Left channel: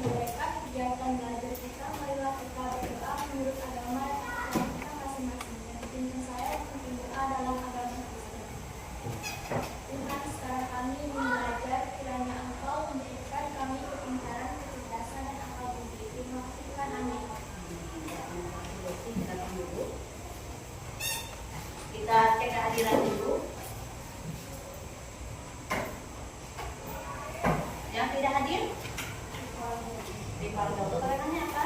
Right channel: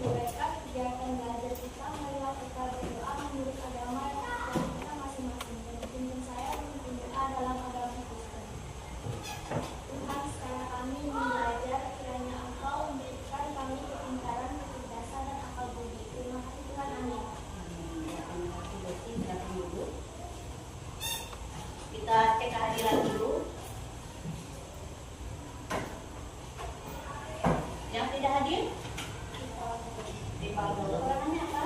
membolehkan kegiatan belajar kita, marilah kita berdoa menurut agama kita masing-masing. Dan pimpin saya untuk berdoa dalam agama Kristen. Tuhan, sekarang kami ingin belajar, kiranya Engkau memberikan kami kepintaran, kecerdasan, dan akal budi. Terima kasih Tuhan, amin. Kita cek kehadiran dulu. Yang tidak hadir? Rivaldo. Keterangannya apa?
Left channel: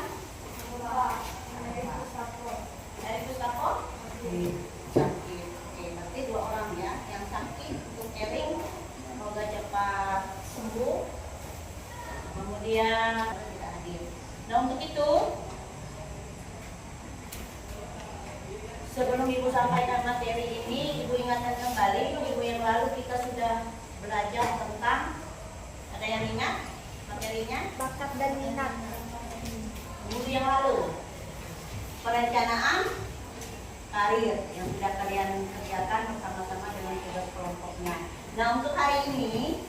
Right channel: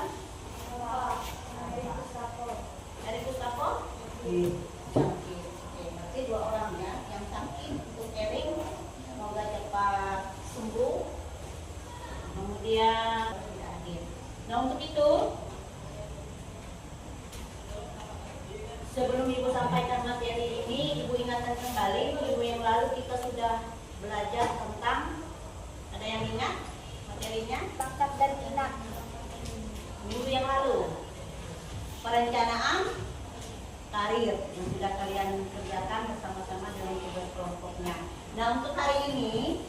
Dari Gustavo? Sakit. Oke, berarti 2 orang ya. Yang sakit untuk Erik, semoga cepat sembuh. Kemudian tidak hadir. Nah, untuk itu sebelum Ibu sampaikan materi ini, Ibu ingatkan kembali, minggu yang lalu kita sudah belajar tentang, ada yang ingat materinya? Bakat dan minat. Minggu yang lalu, perencanaan karir yang sudah kalian kerjakan bersama-sama dengan tugas kelompoknya. Nah, untuk hari ini,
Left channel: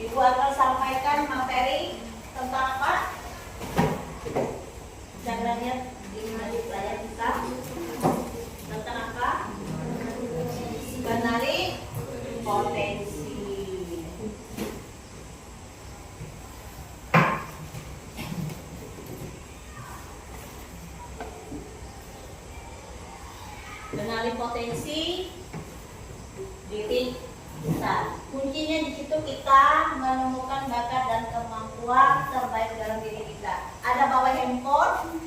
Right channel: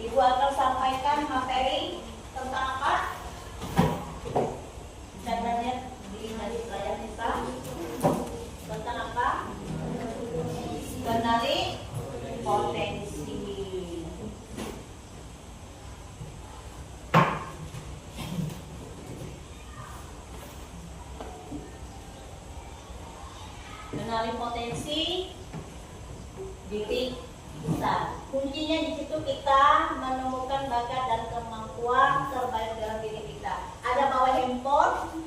Ibu akan sampaikan materi tentang apa? Bisa kita lihat di layar kita. Tentang apa? Kenali potensi. Kenali potensi diri kita. Kuncinya di situ kita menemukan bakat dan kemampuan terbaik dalam diri kita. Ada bawa handphone?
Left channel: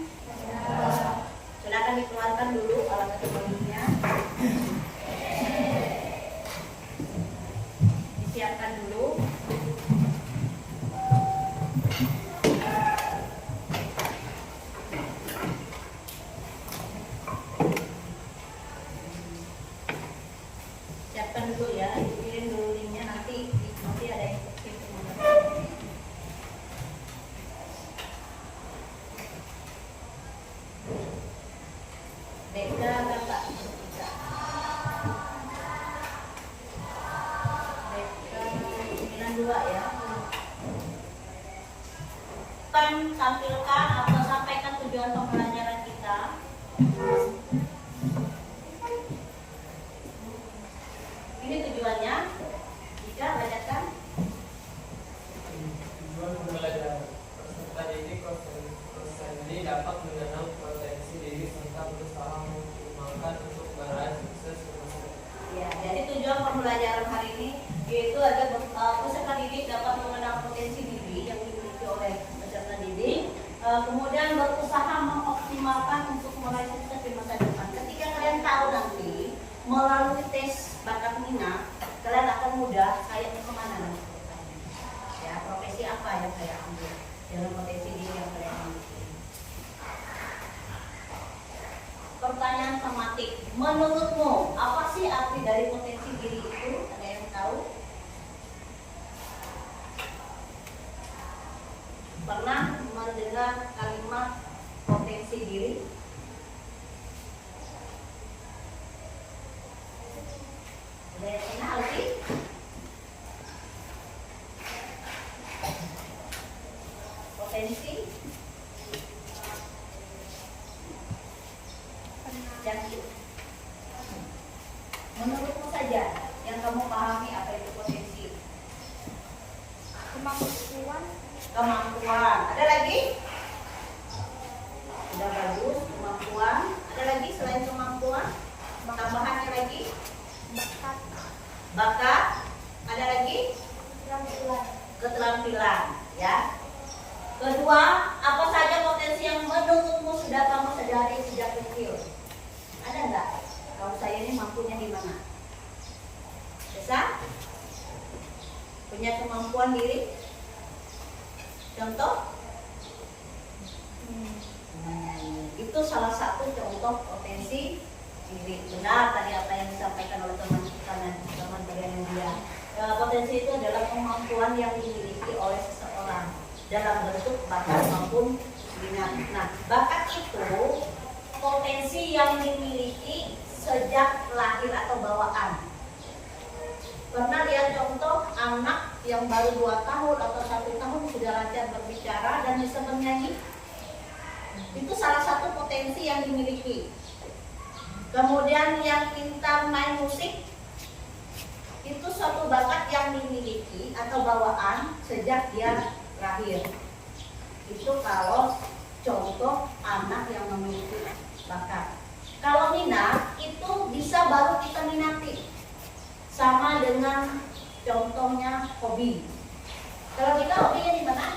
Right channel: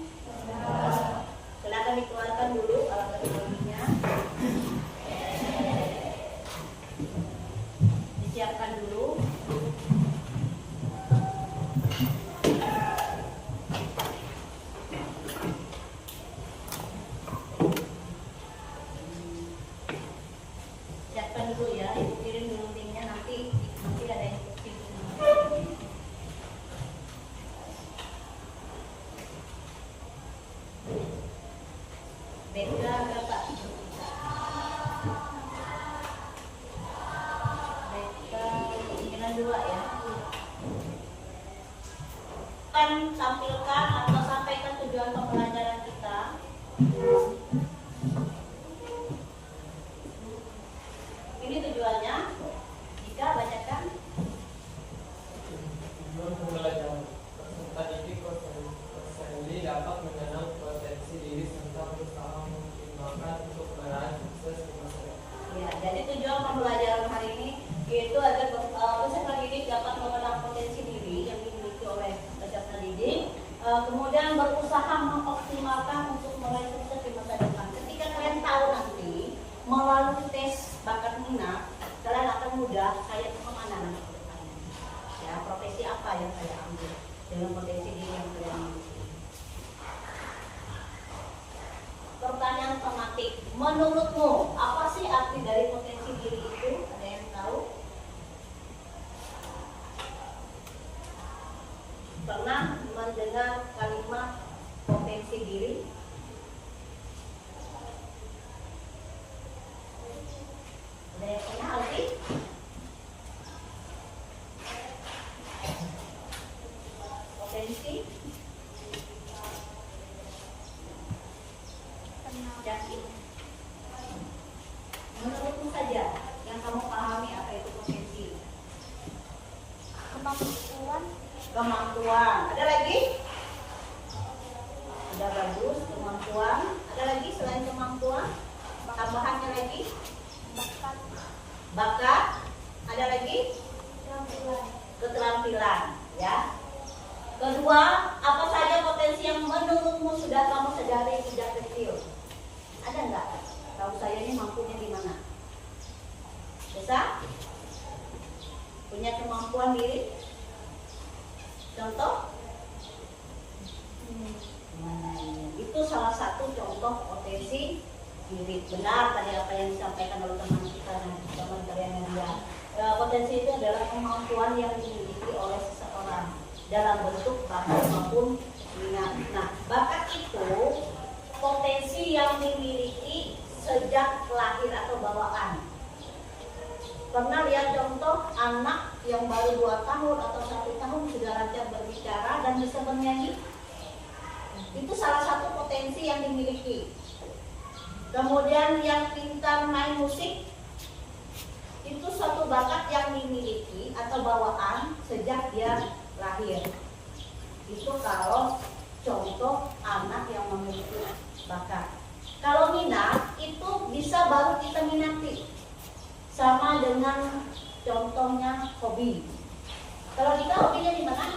Silakan dikeluarkan dulu alat elektroniknya. Disiapkan dulu. Siapkan dulu ya, Ibu kirim dulu linknya, nanti ada yang kirim. Beda kakak. Beda 92 ya. Kan tampilkan atau sampaikan tujuan pembelajaran kita. Ini tujuannya. Jika bacakan. Tujuan pembelajaran peserta didik ini dapat mengenal potensi diri serta berusaha mengoptimalkan untuk meraih sukses di masa depan. Ya, jadi tujuan pembelajaran hari ini yaitu agar peserta didik dapat mengenal potensi diri yang dimiliki oleh peserta didik, kemudian berusaha mengoptimalkan untuk meraih sukses di masa depan. Ketika kalian tahu nanti melalui tes bakat minat, kalian akan mudah saya mau kemana nanti. Ya, profesi apa yang saya ambil dengan potensi diri yang kalian miliki. Pertanyaan tematik, menurutmu apa sih arti dari potensi diri itu? Ada yang tahu? Pernah mendengar kalimat potensi diri? Ada yang pernah lagi? Potensi? Menurutmu saja yang kamu pahami apa itu potensi? Kemampuan. Ada lagi? Sudah bagus, kemampuan. Ada lagi selain kemampuan? Tambahannya lagi? Bakat. Ada lagi? Keterampilan. Ya. Kedua, apa saja potensi yang menurutmu sudah kamu sadari sejak kecil? Ada enggak? Tahu saya ini mampunya di mana? Bisa? Punya kemampuan diri? Contoh? Itu salah satu contoh potensi diri. Benar tadi apa yang disampaikan oleh teman kita dan teman kalian dia. Potensi itu adalah kemampuan yang dimiliki oleh seseorang dalam bentuk bakat maupun minat. Nah, bakat itu potensi yang dimiliki sejak lahir atau bawaan. Pernah lihat contoh anak yang baru 2 tahun atau 1 tahun sudah lancar berbicara dan bisa bernyanyi? Itu salah satu potensi yang dimiliki. Kemudian yang pintar main musik, itu suatu bakat yang dimiliki atau bawaan sejak dia lahir. Itu kalau contoh anak yang memiliki bakat. Kalau minat itu bisa baru kita minati. Sama dengan contohnya hobi. Kalau kita hobinya di mana?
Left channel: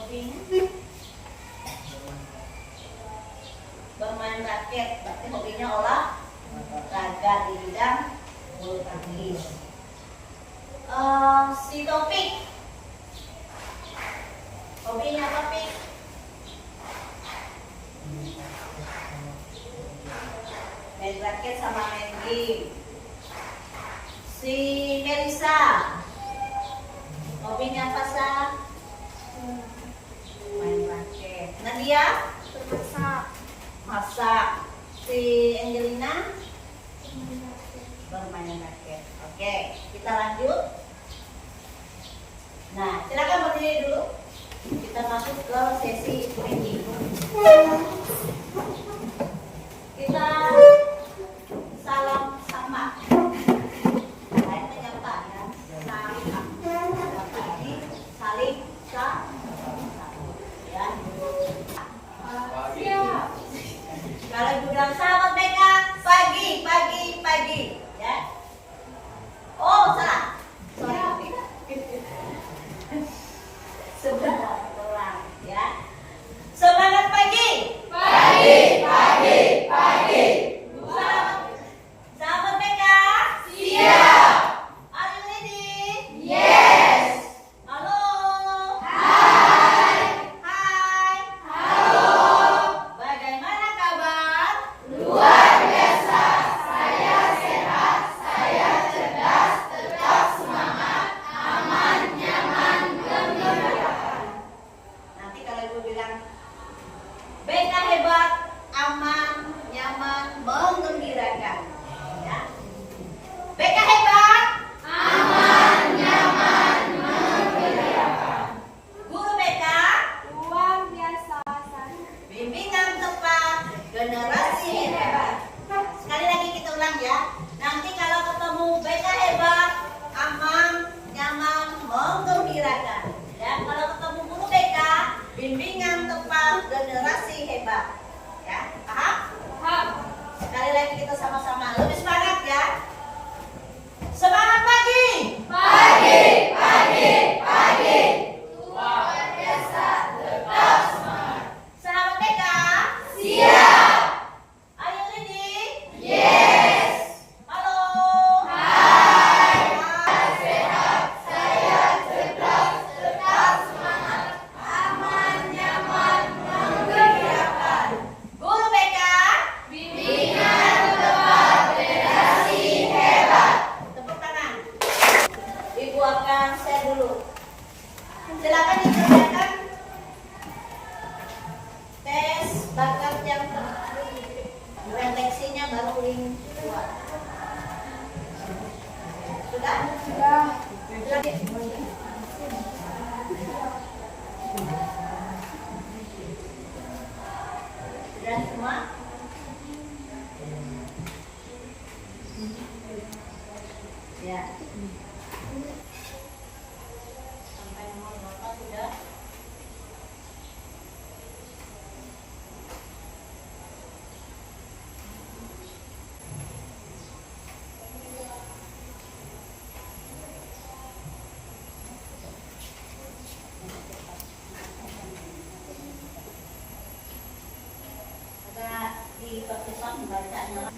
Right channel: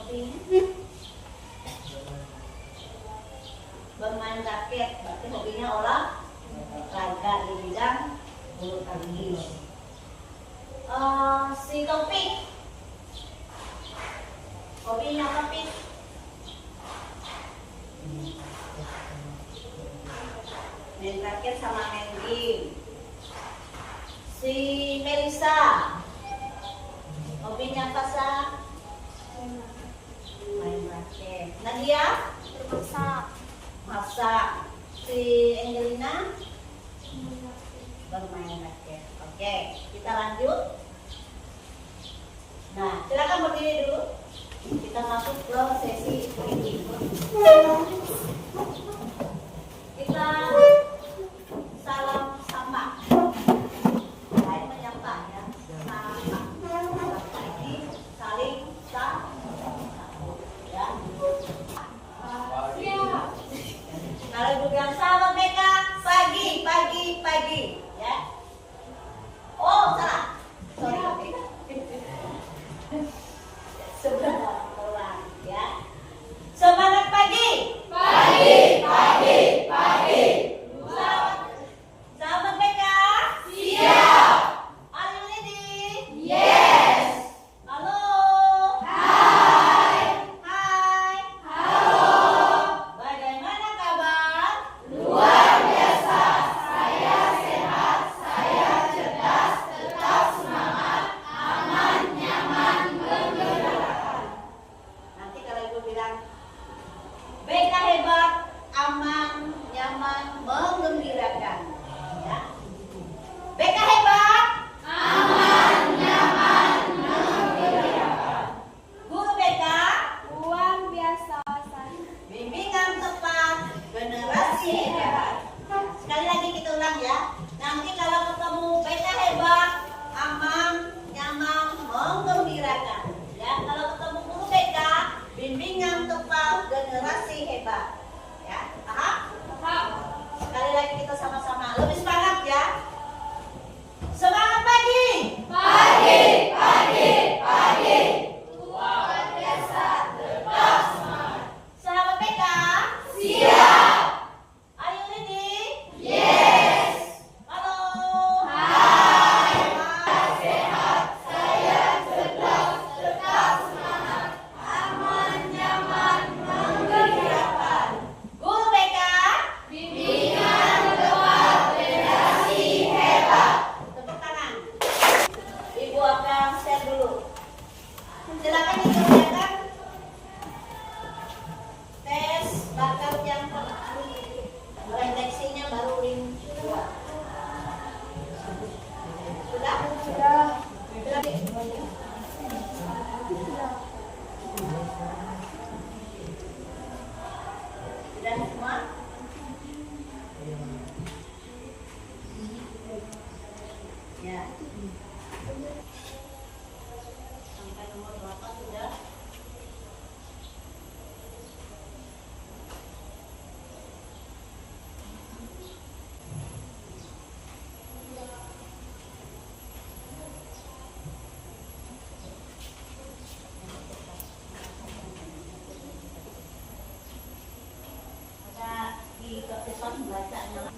Hobinya bermain raket, berarti hobinya olahraga di bidang bulu tangkis. Si Taufik, hobinya apa, Pik? Main raket sama main game. Si Melisa, hobinya apa, Sa? Main raket. Nadia? Masak. Si Angelina? Bermain raket. Oke, kita lanjut. Nah, silakan berdiri dulu. Kita masuk ke sesi training. Kita salam sapa. Saya menyapa ya. Sapa. Sapa ini saling ya. Siap. Kalau ibu bilang selamat mereka pagi ya. Oh salah. Sorry. Sebentar ulang ya. Semangat pagi. Selamat mereka. Siap. Are you ready? Yes. Halo. Hai. Halo. Bagaimana kabar? Luar biasa. Saya sehat, saya cerdas, tetap semangat, aman, nyaman, gembira. Nanti kalau ibu bilang BK hebat, aman, nyaman, menggembirakan. Ya. BK hebat, aman, nyaman, menggembirakan. Guru BK, Luar biasa. bimbingan tepat, generasi hebat. Sekali lagi kita ulang ya. Nanti kalau ketemu BK hebat, aman, nyaman, menggembirakan. Ya, kalau ketemu guru BK, bimbingan tepat, generasi hebat. Ya, paham? Paham. Sekali lagi kita sama-sama lebih semangat ya. Semangat pagi. Luar biasa. Tetap semangat. Sahabat BK, Siap. are you ready? Yes. Halo. Hai. Sehat. Saya cerdas, tetap semangat, aman, nyaman, menggembirakan. Guru BK, Bimbingan tepat, generasi hebat. tepuk tangan. Ibu akan share dulu. Silakan dikerjakan tes bakat yang refleksinya baru link 2. Sudah? Sudah. Sudah semua? Ya. Sampai nomor berapa sudah? Ada di pertemuan bacaan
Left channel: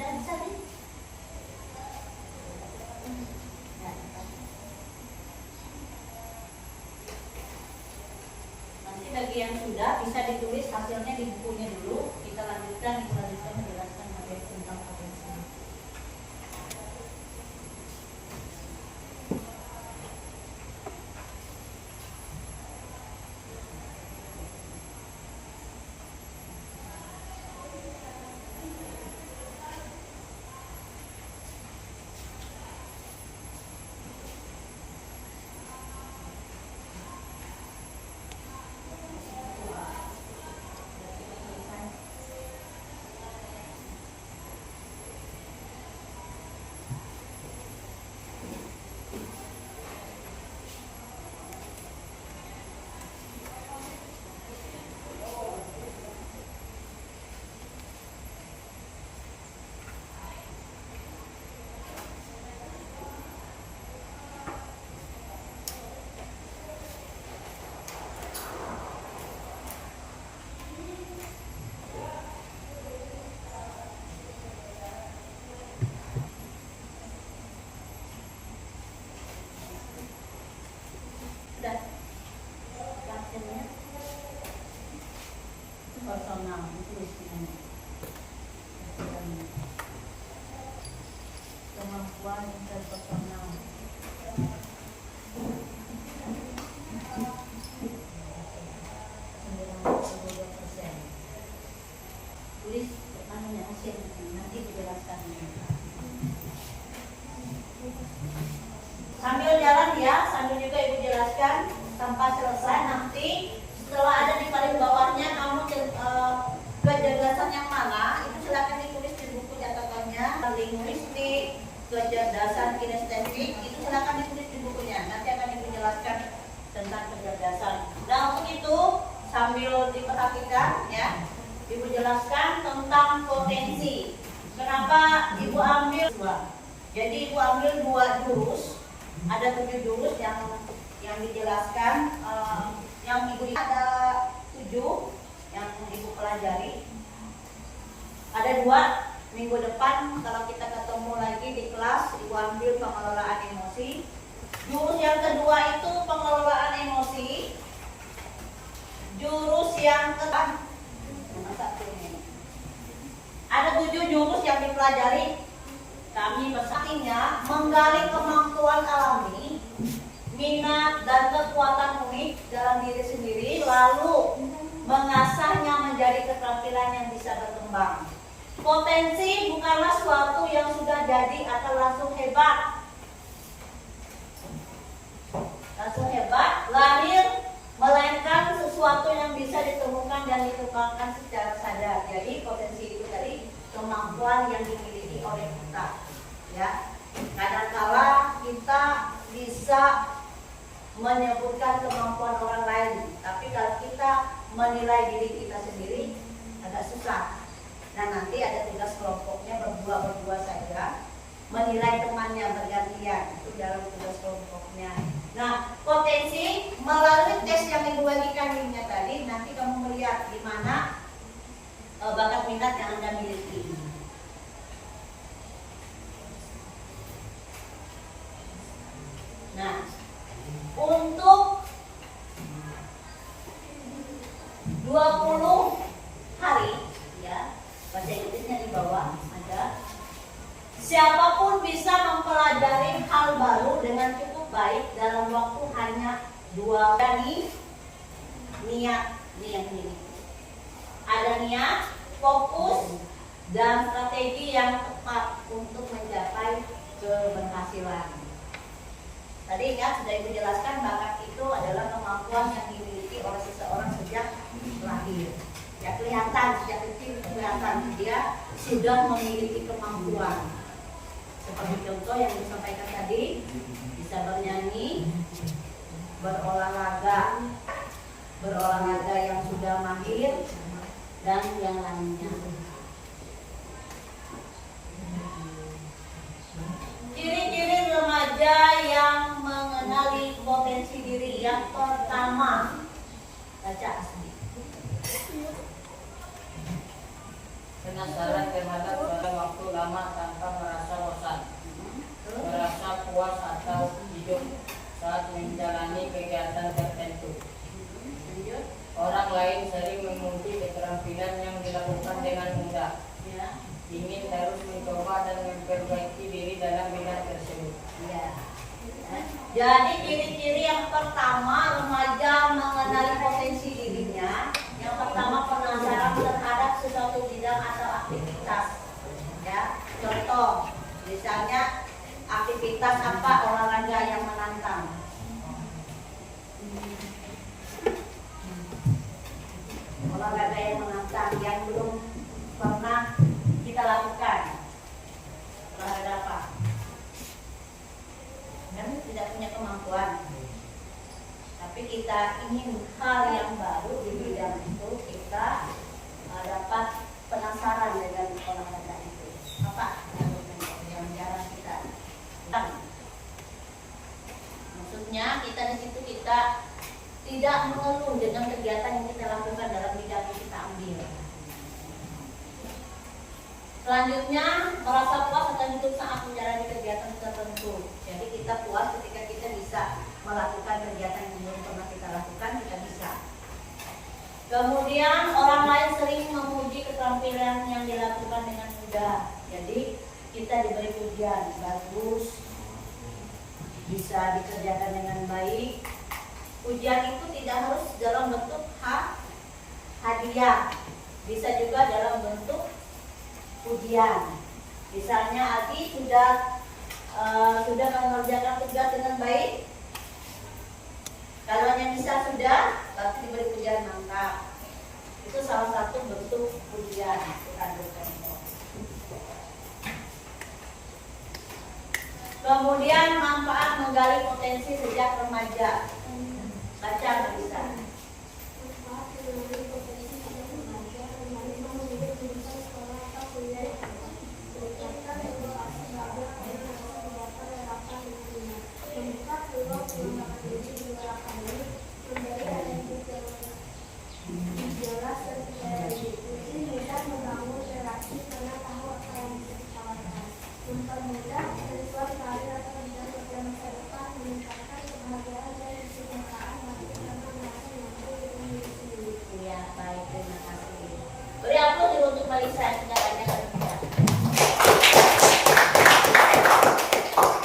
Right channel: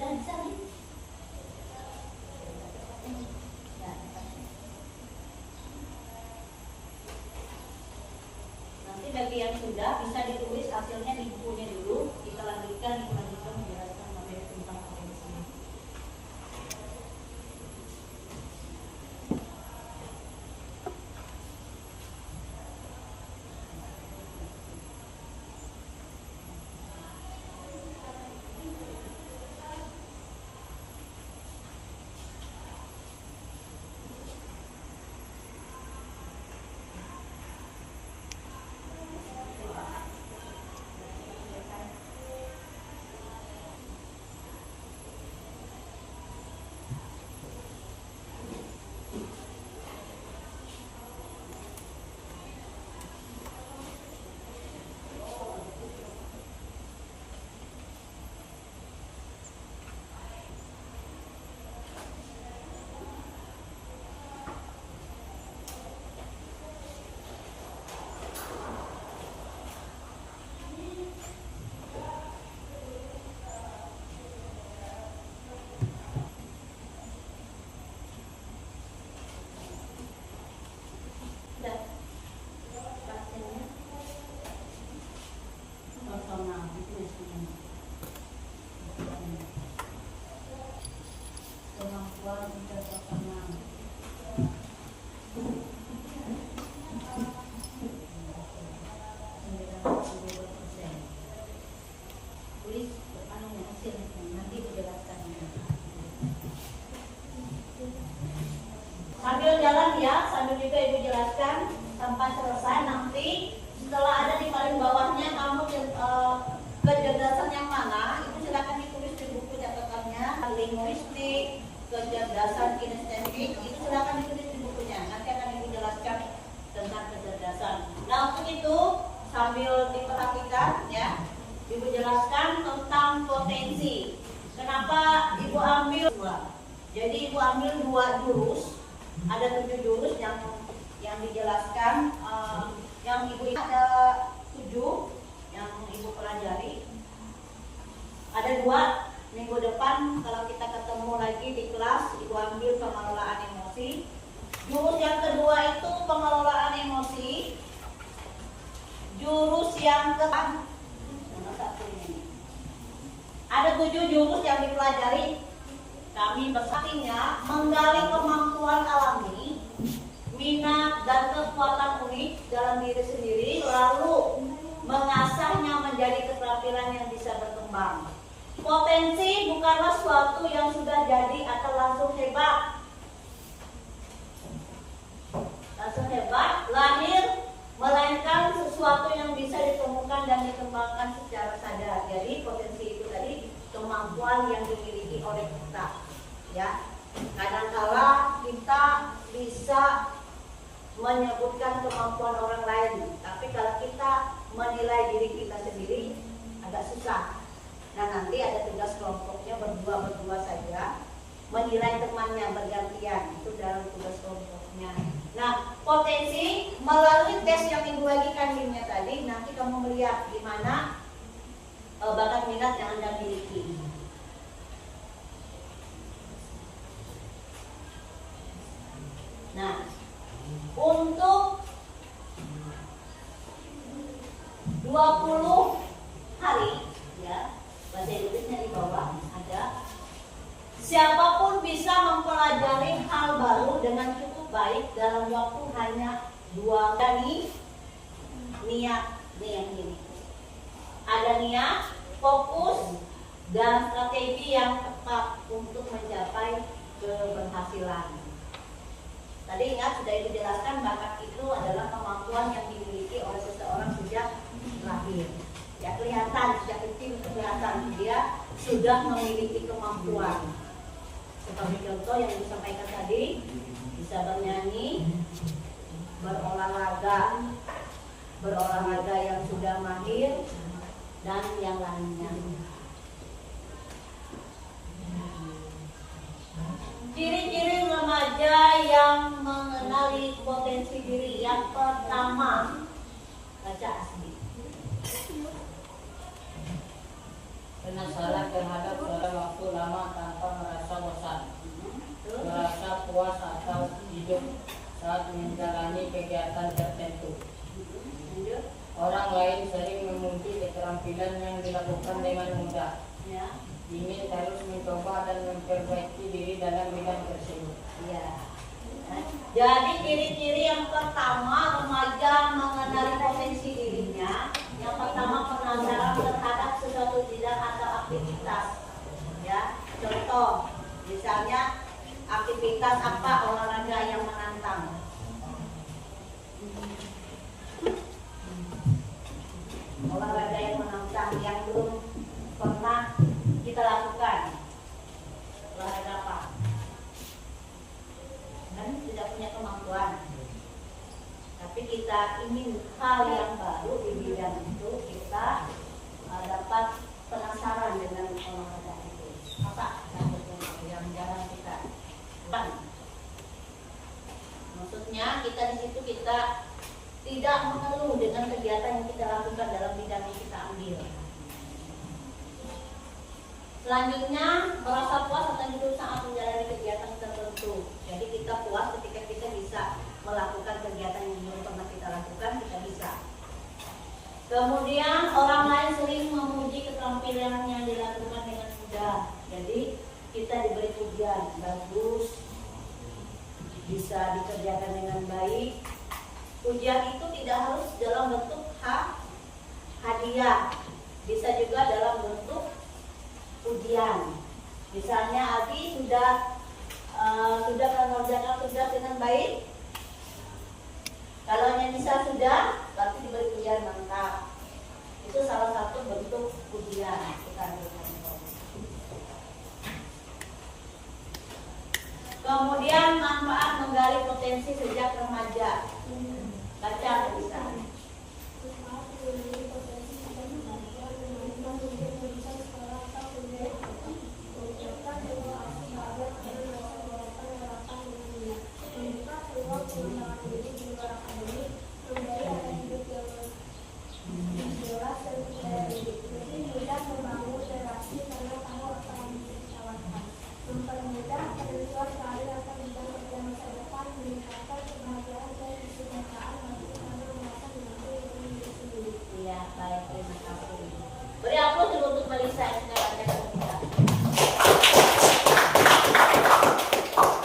dan bisa nih. Nanti bagi yang sudah bisa ditulis hasilnya di bukunya dulu. Kita lanjutkan menjelaskan materi tentang potensi. kemampuan interpersonal. Tulis anunya hasil nanti dijelaskan. Sambil jalan ya, sambil juga ibu jelaskan sampai selesai. Nanti setelah ada di paling bawahnya kamu kecerdasan yang mana itu silakan ditulis di buku catatannya. Linguistik, kecerdasan kinestetik itu silakan ditulis di bukunya. Nanti akan ibu jelaskan tentang kecerdasan. Nah untuk itu sambil diperhatikan ya, ibu jelaskan tentang potensi. Kenapa ibu ambil dua? Jadi ibu ambil 2 jurus. Ada 7 jurus yang dijelaskan. Yang ibu ada 7 yang ibu pelajari. Ada 2 minggu depan kalau kita ketemu lagi di kelas, ibu ambil pengelolaan emosi. Jurus yang kedua itu pengelolaan emosi. Jurus yang satu ini. Ada 7 jurus yang dipelajari. Kami bersatinya menggali kemampuan alami, minat dan kekuatan unik dalam diri sendiri, lalu mengasahnya menjadi keterampilan yang bisa berkembang. Potensi bukanlah suatu yang sudah jadi atau langsung hebat. Langsung hebat, lahir, melainkan sesuatu yang bisa ditemukan dan dikembangkan secara sadar. Jadi potensi itu tadi kemampuan yang dimiliki oleh kita. Ya, kadangkala kita bisa menyebutkan kemampuan orang lain, tapi kalau kita menilai diri kita sendiri agak susah. Nah nanti ada tugas kelompoknya berdua saja, menilai temannya bergantian, itu dalam tugas kelompoknya. Nah potensi melalui tes yang ibu bagikan linknya tadi, nanti kamu melihat di mana bakat minat yang anda miliki. Nah, untuk 20 hari ya, bahasa Inggrisnya di bawah ada. Siapapun bisa mempelajari hal baru dengan cukup baik dalam waktu hanya 2 hari. Niat ini. Ada niat, fokus, dan strategi yang tepat untuk mencapai keberhasilan. Tadi ingat sudah ibu jelaskan bakat itu adalah kemampuan yang dimiliki oleh seseorang sejak lahir. Ya kelihatan sejak kecil kelihatan dia sudah memiliki kemampuan. Seperti contoh yang disampaikan tadi, bisa bernyanyi, berolahraga yang sudah mahir dan yang lainnya. Ciri-ciri remaja yang mengenali potensi diri. Yang pertama, baca asli. Penasaran terhadap suatu waktu lama tanpa merasa bosan, merasa puas atau hidup saat menjalani kegiatan tertentu. Orang lain sering memuji keterampilan yang dilakukan dengan mudah. Ya. Ingin terus mencoba dan memperbaiki diri dalam bidang tersebut. Ya. Jadi ciri-ciri yang pertama remaja mengenali potensi dirinya. Yang pertama penasaran terhadap sesuatu bidang atau aktivitas. Ya, contoh misalnya aktivitas apa olahraga yang menantang. Olahraga yang menantang yang belum pernah kita lakukan. Olahraga apa? Kami tidak punya kemampuan, tapi kita ingin hal yang baru di bidang itu, kita dapat penasaran dengan olahraga itu. Apa yang jarang kita lakukan? Maksudnya kita di situ kita tidak mengeluh dengan kegiatan yang kita lakukan dalam bidang yang kita ambil. Selanjutnya, merasa puas akan hidup saat menjalani kegiatan tertentu. Jadi kita puas ketika kita bisa melakukan kegiatan yang belum pernah kita lakukan, kita bisa. Kemudian orang lain sering memuji keterampilan yang dilakukan dengan mudah. Jadi kita diberi pujian. ujian bagus, bisa dikerjakan dengan baik. Ujian itu tidak harus dalam bentuk hadiah, bisa juga dalam bentuk ujian. Misalnya Adi sudah mengerjakan tugas dengan baik. Kalau yang bisa sudah, berarti diberi ujian mantap. Itu salah satu bentuk ujian. Kemudian manfaat menggali potensi sejak remaja. Baca bisa. Mempermudah penentuan karir atau mencari kerja masa depan, meningkatkan kebahagiaan dan kesejahteraan bagi karena merasa mampu diri sendiri. Iya, baik, terima kasih. Beri aplaus dulu untuk Melisa yang sudah banyak berbicara.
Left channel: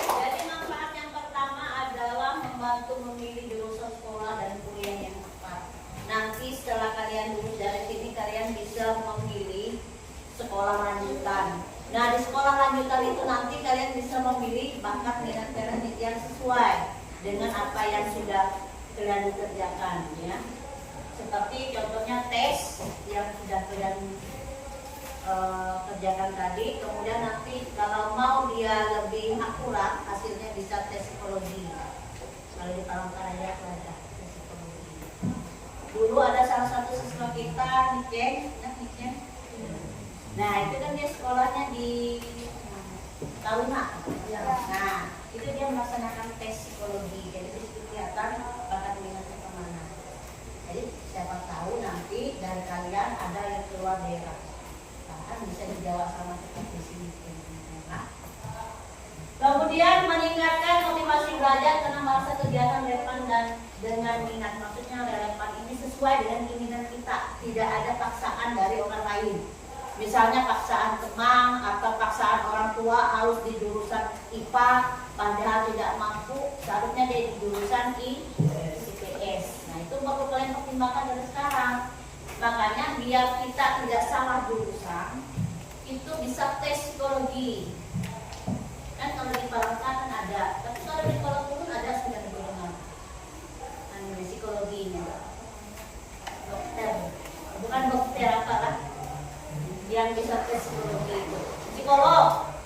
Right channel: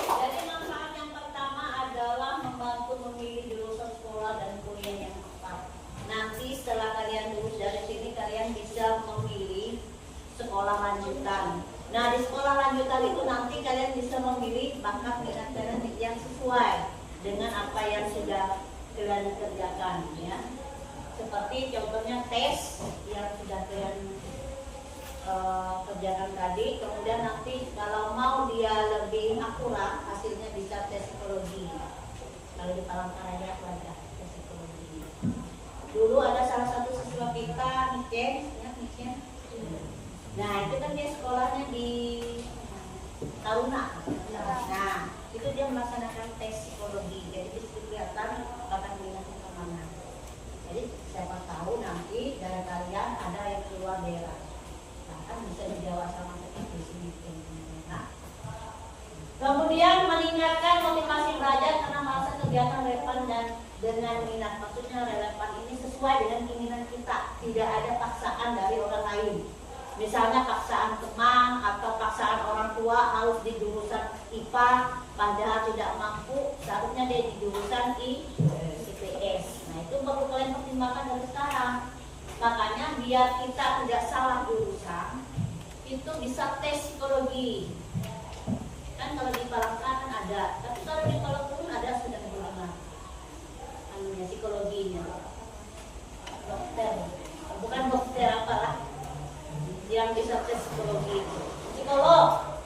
Jadi manfaat yang pertama adalah membantu memilih jurusan sekolah dan kuliah yang tepat. Nanti setelah kalian lulus dari sini, kalian bisa memilih sekolah lanjutan. Nah, di sekolah lanjutan itu nanti kalian bisa memilih bakat minat kalian yang sesuai dengan apa yang sudah kalian kerjakan, ya. Seperti contohnya tes yang sudah kalian kerjakan tadi. Kemudian nanti kalau mau dia lebih akurat, hasilnya bisa tes psikologi. Kalau di Palangkaraya ada tes psikologi. Dulu ada salah satu siswa kita, Niken, ingat Niken? Nah, itu kan dia sekolahnya di Taruna. Nah, itu dia melaksanakan tes psikologi. Jadi itu kelihatan bakat minatnya kemana. Jadi siapa tahu nanti dari kalian ada yang keluar daerah, bahkan bisa dijawab sama seperti sini. Nah, kemudian meningkatkan motivasi belajar karena merasa kegiatan relevan dan dengan minat. Maksudnya relevan ini sesuai dengan keinginan kita, tidak ada paksaan dari orang lain. Misalnya paksaan teman atau paksaan orang tua harus di jurusan IPA padahal tidak mampu, seharusnya dia di jurusan IPS. Nah, itu perlu kalian pertimbangkan dari sekarang. Makanya biar kita tidak salah jurusan, itu bisa tes psikologi. Kan kalau di Palangkaraya kan ada, tapi kalau di sekolah umum ada sudah didengar. Namanya psikologinya. Dokter, bukan dokter apalah. Yang bisa tes psikologi itu psikolog.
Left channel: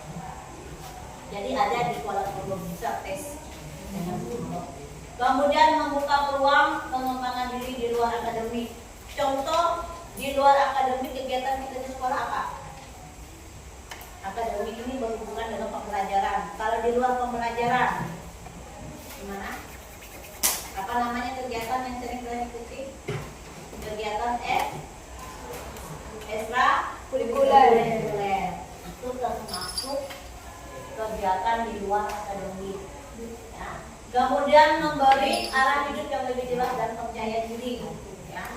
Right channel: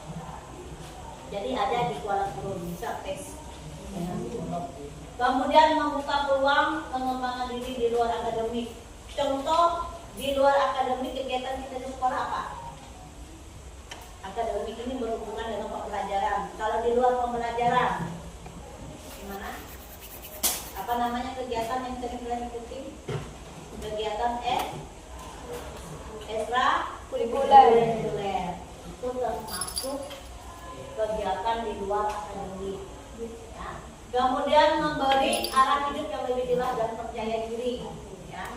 Jadi ada di Kuala Lumpur bisa tes dengan psikolog. Kemudian membuka peluang pengembangan diri di luar akademik. Contoh di luar akademik kegiatan kita di sekolah apa? Akademik ini berhubungan dengan pembelajaran. Kalau di luar pembelajaran gimana? Apa namanya kegiatan yang sering kalian ikuti? Kegiatan ekstrakurikuler itu termasuk kegiatan di luar akademik, ya. Kemudian memberi arah hidup yang lebih jelas dan percaya diri, ya.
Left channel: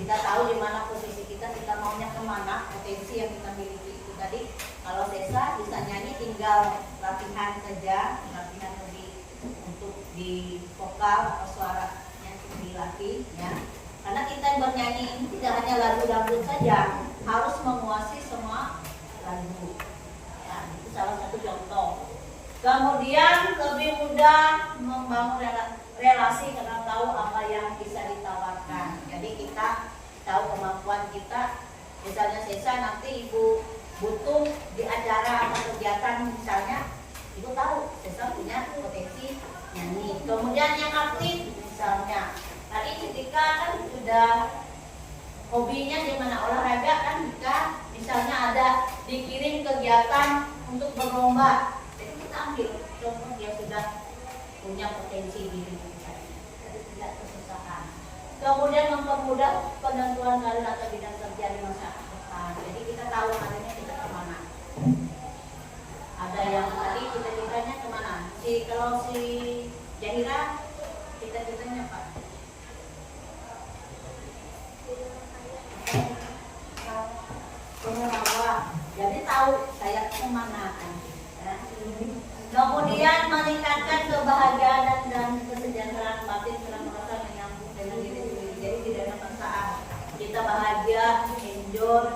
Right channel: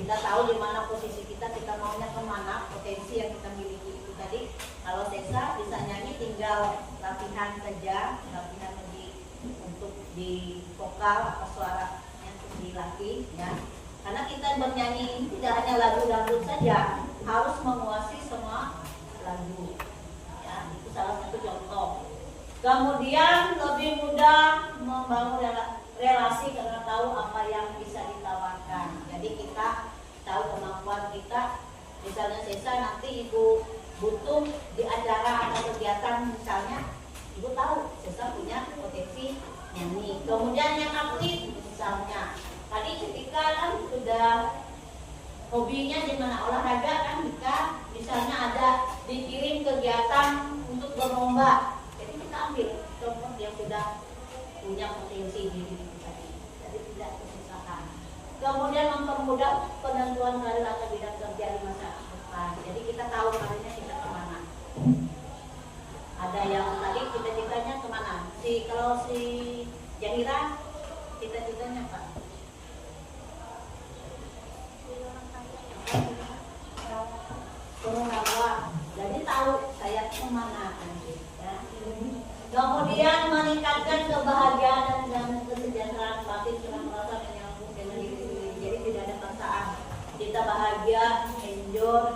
Kita tahu di mana posisi kita maunya kemana, potensi yang kita miliki itu tadi. Kalau Desa bisa nyanyi tinggal latihan saja, latihan lebih untuk di vokal atau suara yang dilatih, ya. Karena kita bernyanyi tidak hanya lagu dangdut saja, harus menguasai semua lagu. Ya, itu salah satu contoh. Kemudian lebih mudah membangun relasi karena tahu apa yang bisa ditawarkan. Jadi kita tahu kemampuan kita. Misalnya Sesa nanti ibu butuh di acara atau kegiatan misalnya, ibu tahu Sesa punya potensi nyanyi. Kemudian yang aktif misalnya. Tadi ketika kan sudah hobinya di mana olahraga kan, jika misalnya ada dikirim kegiatan untuk berlomba, jadi kita ambil contoh dia sudah punya potensi di diri kita, jadi tidak kesusahan. Kemudian mempermudah penentuan karir atau bidang kerja di masa depan. Jadi kita tahu karirnya kita kemana. Ada yang tadi cita-citanya kemana? Kalau si Jahira cita-citanya apa? Pengenalan, jadi tahu saya kemana kan, ya. meningkatkan kebahagiaan dan kesejahteraan batin karena merasa menyambung dengan diri sendiri. Jadi tidak ada perasaan kita bahagia, enjoy,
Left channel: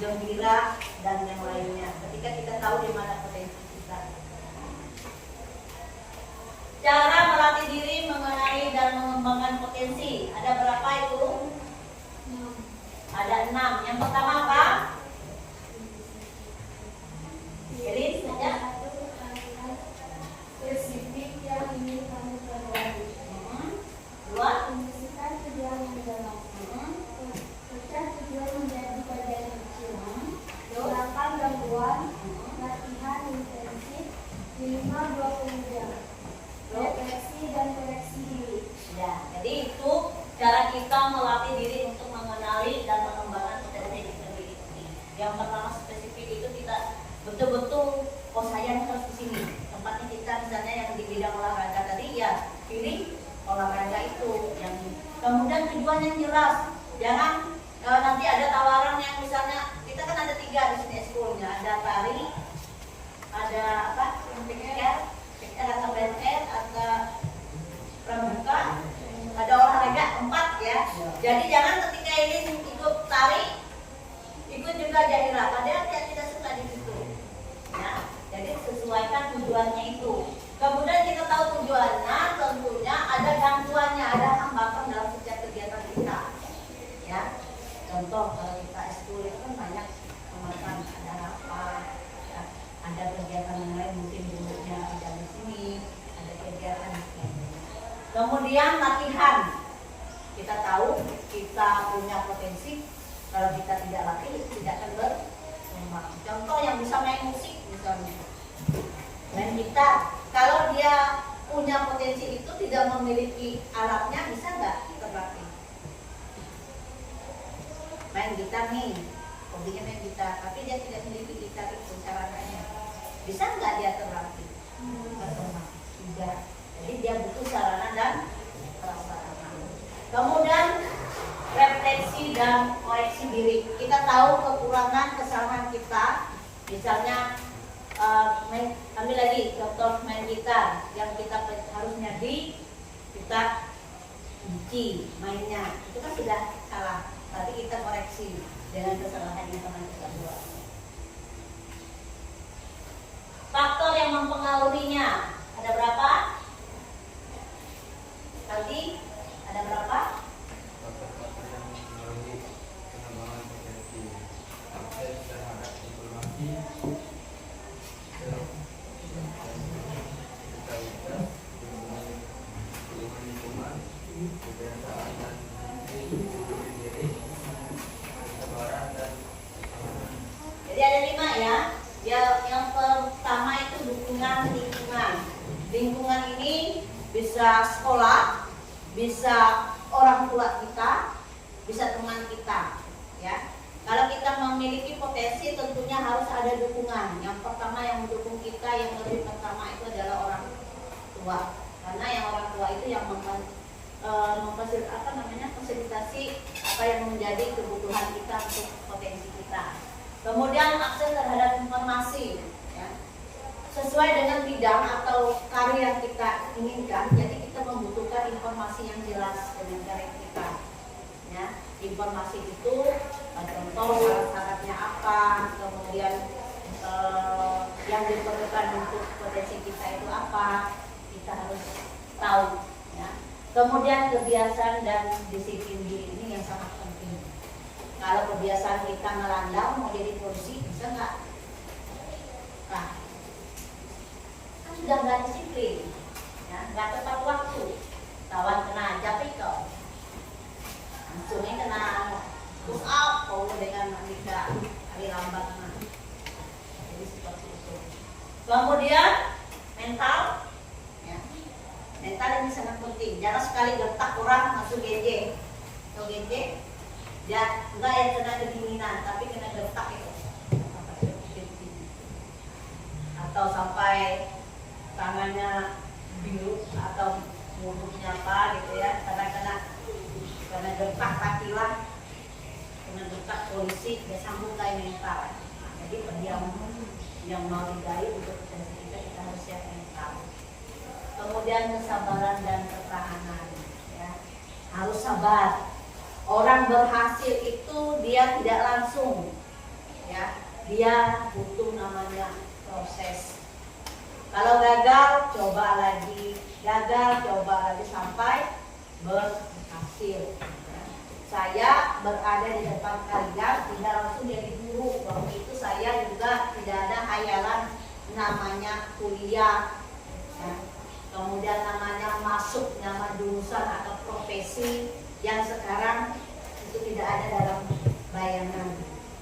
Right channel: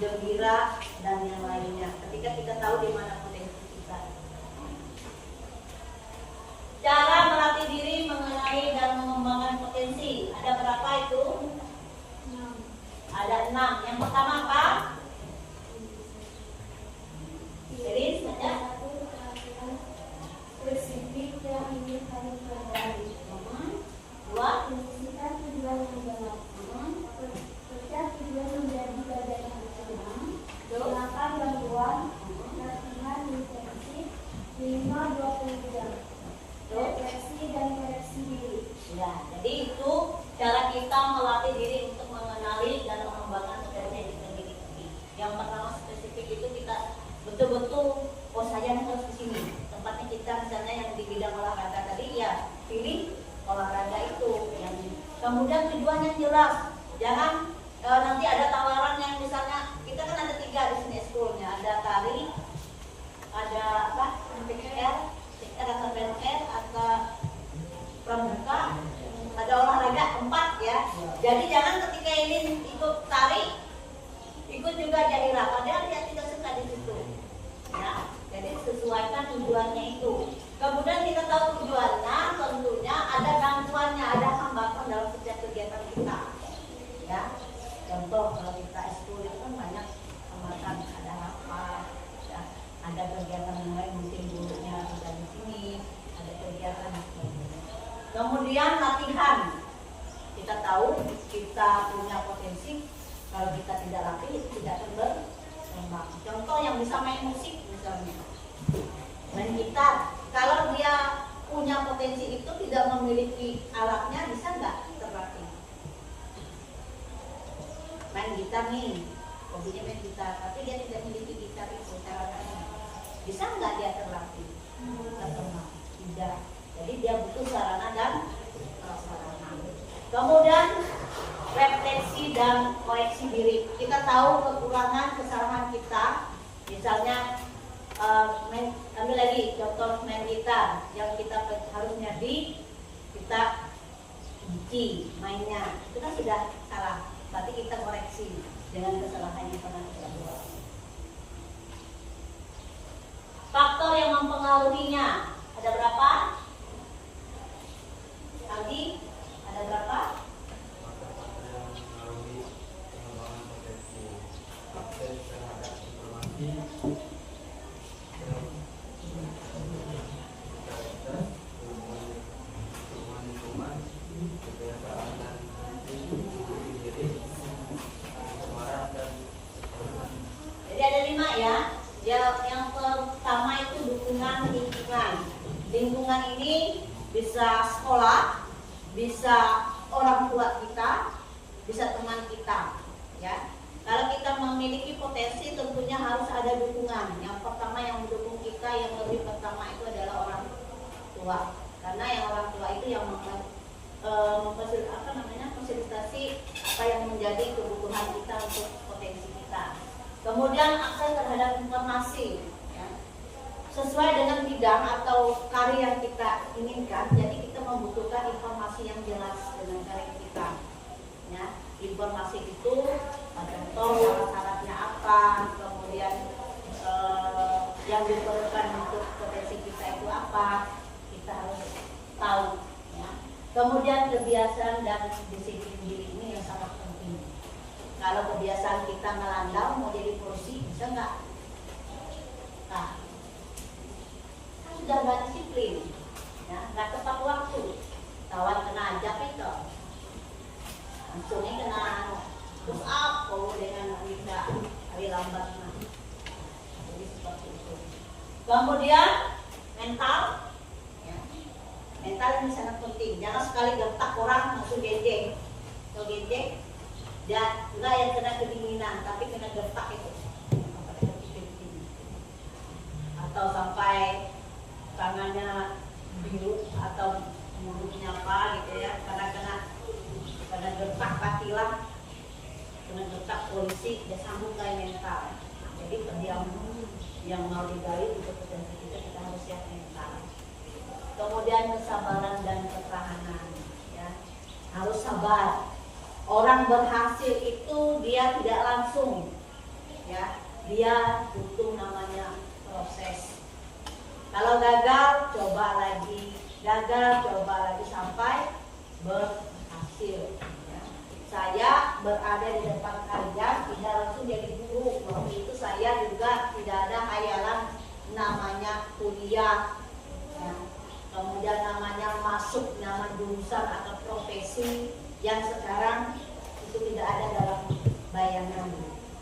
gembira dan yang lainnya. Ketika kita tahu di mana potensi kita. Cara melatih diri mengenali dan mengembangkan potensi. Ada berapa itu? 6. Ada 6. Yang pertama apa? Jadi saja. Spesifik yang ingin kami perbaiki. 2. Definisikan tujuan yang jelas. Pecah tujuan menjadi bagian kecil. Silakan gangguan. Latihan intensif. Minimal 20 jam. Refleksi dan koreksi diri. Ya, jadi itu cara kita melatih diri untuk mengenali dan mengembangkan potensi diri kita. Yang pertama spesifik itu kita betul-betul, oh saya harus di sini. Tempatnya kita misalnya yang di bidang olahraga tadi ya pilih olahraga itu. Yang kemudian tujuan yang jelas. Jangan nanti ada tawaran yang misalnya kita kan ada 3 di sini ekskulnya, ada tari, ada apa? PKR atau PNR atau pramuka, ada olahraga 4 ya. Jadi jangan ketika ini ikut tari, ikut juga jadi padahal dia tidak suka di situ. Ya, jadi sesuaikan tujuannya itu. Kemudian kita tahu tujuannya, tentunya ada gangguannya, ada hambatan dalam setiap kegiatan kita. Ya, contoh kalau kita ekskul itu kan banyak hambatan, ada apa? Ya, ada kegiatan yang lain mungkin dulunya tidak di sini, ada kegiatan dan sebagainya. Kemudian latihan, kita tahu kita punya potensi, kalau kita tidak latih tidak akan berkembang. Contoh yang bisa main musik misalnya, main gitar, kalau dia punya potensi itu tidak memiliki alatnya bisa nggak terlatih? Main gitar nih, hobinya main gitar, tapi dia tidak memiliki gitar itu caranya, bisa nggak dia terlatih? Berkembang? Tidak. Jadi dia butuh sarana dan prasarana. Kemudian refleksi dan koreksi diri. Kita tahu kekurangan kesalahan kita, misalnya ambil lagi contoh main gitar yang kita harusnya kita benci mainnya, itu kan sudah salah. Berarti kita koreksi dengan kesalahan yang pernah kita buat. Faktor yang mempengaruhinya ada berapa? Aldi, ada berapa? Jadi ada 5 ya. Yang pertama itu dukungan lingkungan. Lingkungan ini bisa sekolah, bisa orang tua kita, bisa teman kita, ya. Kalau kita memiliki potensi, tentunya harus ada dukungan. Yang pertama yang mendukung kita, yang lebih pertama itu adalah orang tua. Karena yang orang tua itu yang fasilitasi apa yang menjadi kebutuhan kita untuk potensi kita. Kemudian akses terhadap informasi, ya. Sesuai dengan bidang atau karya yang kita inginkan, jadi kita membutuhkan informasi yang jelas dengan karya kita. Ya, informasi itu contoh syarat-syaratnya apa, kemudian yang diperlukan untuk potensi kita itu apa, kita harus tahu. Ya. Kemudian kebiasaan dan disiplin diri ini yang sangat penting. Kalau kebiasaan kita melandau mau jadi polisi bisa nggak? Nah, kan sudah nggak disiplin, ya, nggak tepat waktu. Kawan kena japik kok, langsungnya kena push up, kalau dengan nikah hari lambat mah. Jadi seperti itu. Kemudian mental, ya. Mental ini sangat penting. Jangan sekali gertak orang masuk genjeng, kalau genjeng dia enggak yang kena kedinginan, tapi kena gertak itu, atau sampai tangannya biru atau mulutnya apa gitu ya, karena gertak pakilah, kena gertak polisi, dia sambung kayak mental. Jadi pendiam yang mau digali untuk potensi kita harus siap mental. kemudian kesabaran dan ketahanan. Ya. Harus sabar. Orang berhasil itu dia tidak langsung, ya, dia butuh namanya proses. Kalau gagal, coba lagi, sampai berhasil. Ya. Saya berada di depan kalian tidak langsung jadi guru. Waktu itu saya juga tidak ada hayalan namanya kuliah, ya. Kemudian namanya masuk nama jurusan atau profesi yang sekarang itu tidak ada dalam bayangan,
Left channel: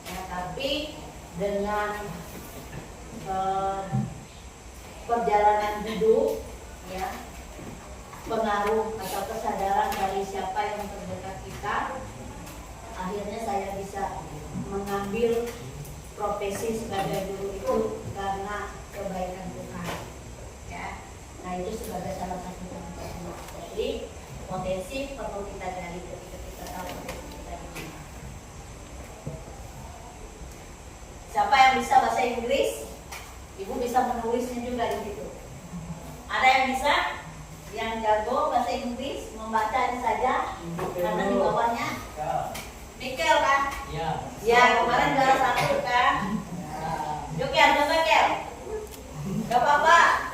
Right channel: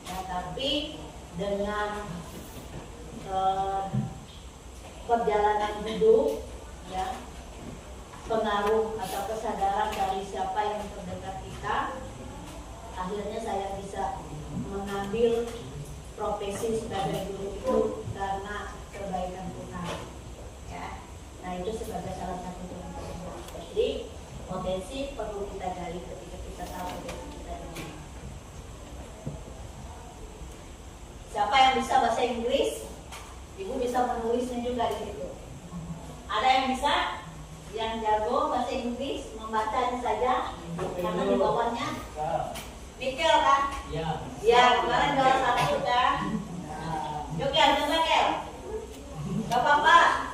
ya, tapi dengan perjalanan hidup, ya, pengaruh atau kesadaran dari siapa yang terdekat kita, akhirnya saya bisa mengambil profesi sebagai guru itu karena kebaikan Tuhan, ya. Nah, itu sebagai salah satu contoh. Jadi potensi perlu kita cari ketika kita tahu potensi kita di mana. Siapa yang bisa bahasa Inggris? Ibu bisa menulisnya juga di situ. Ada yang bisa? Yang jago bahasa Inggris membaca saja karena di bawahnya. Mikel kan? Ya. Ya, kemarin juara 1 kan? Yuk Kel, coba Kel. Gak apa-apa.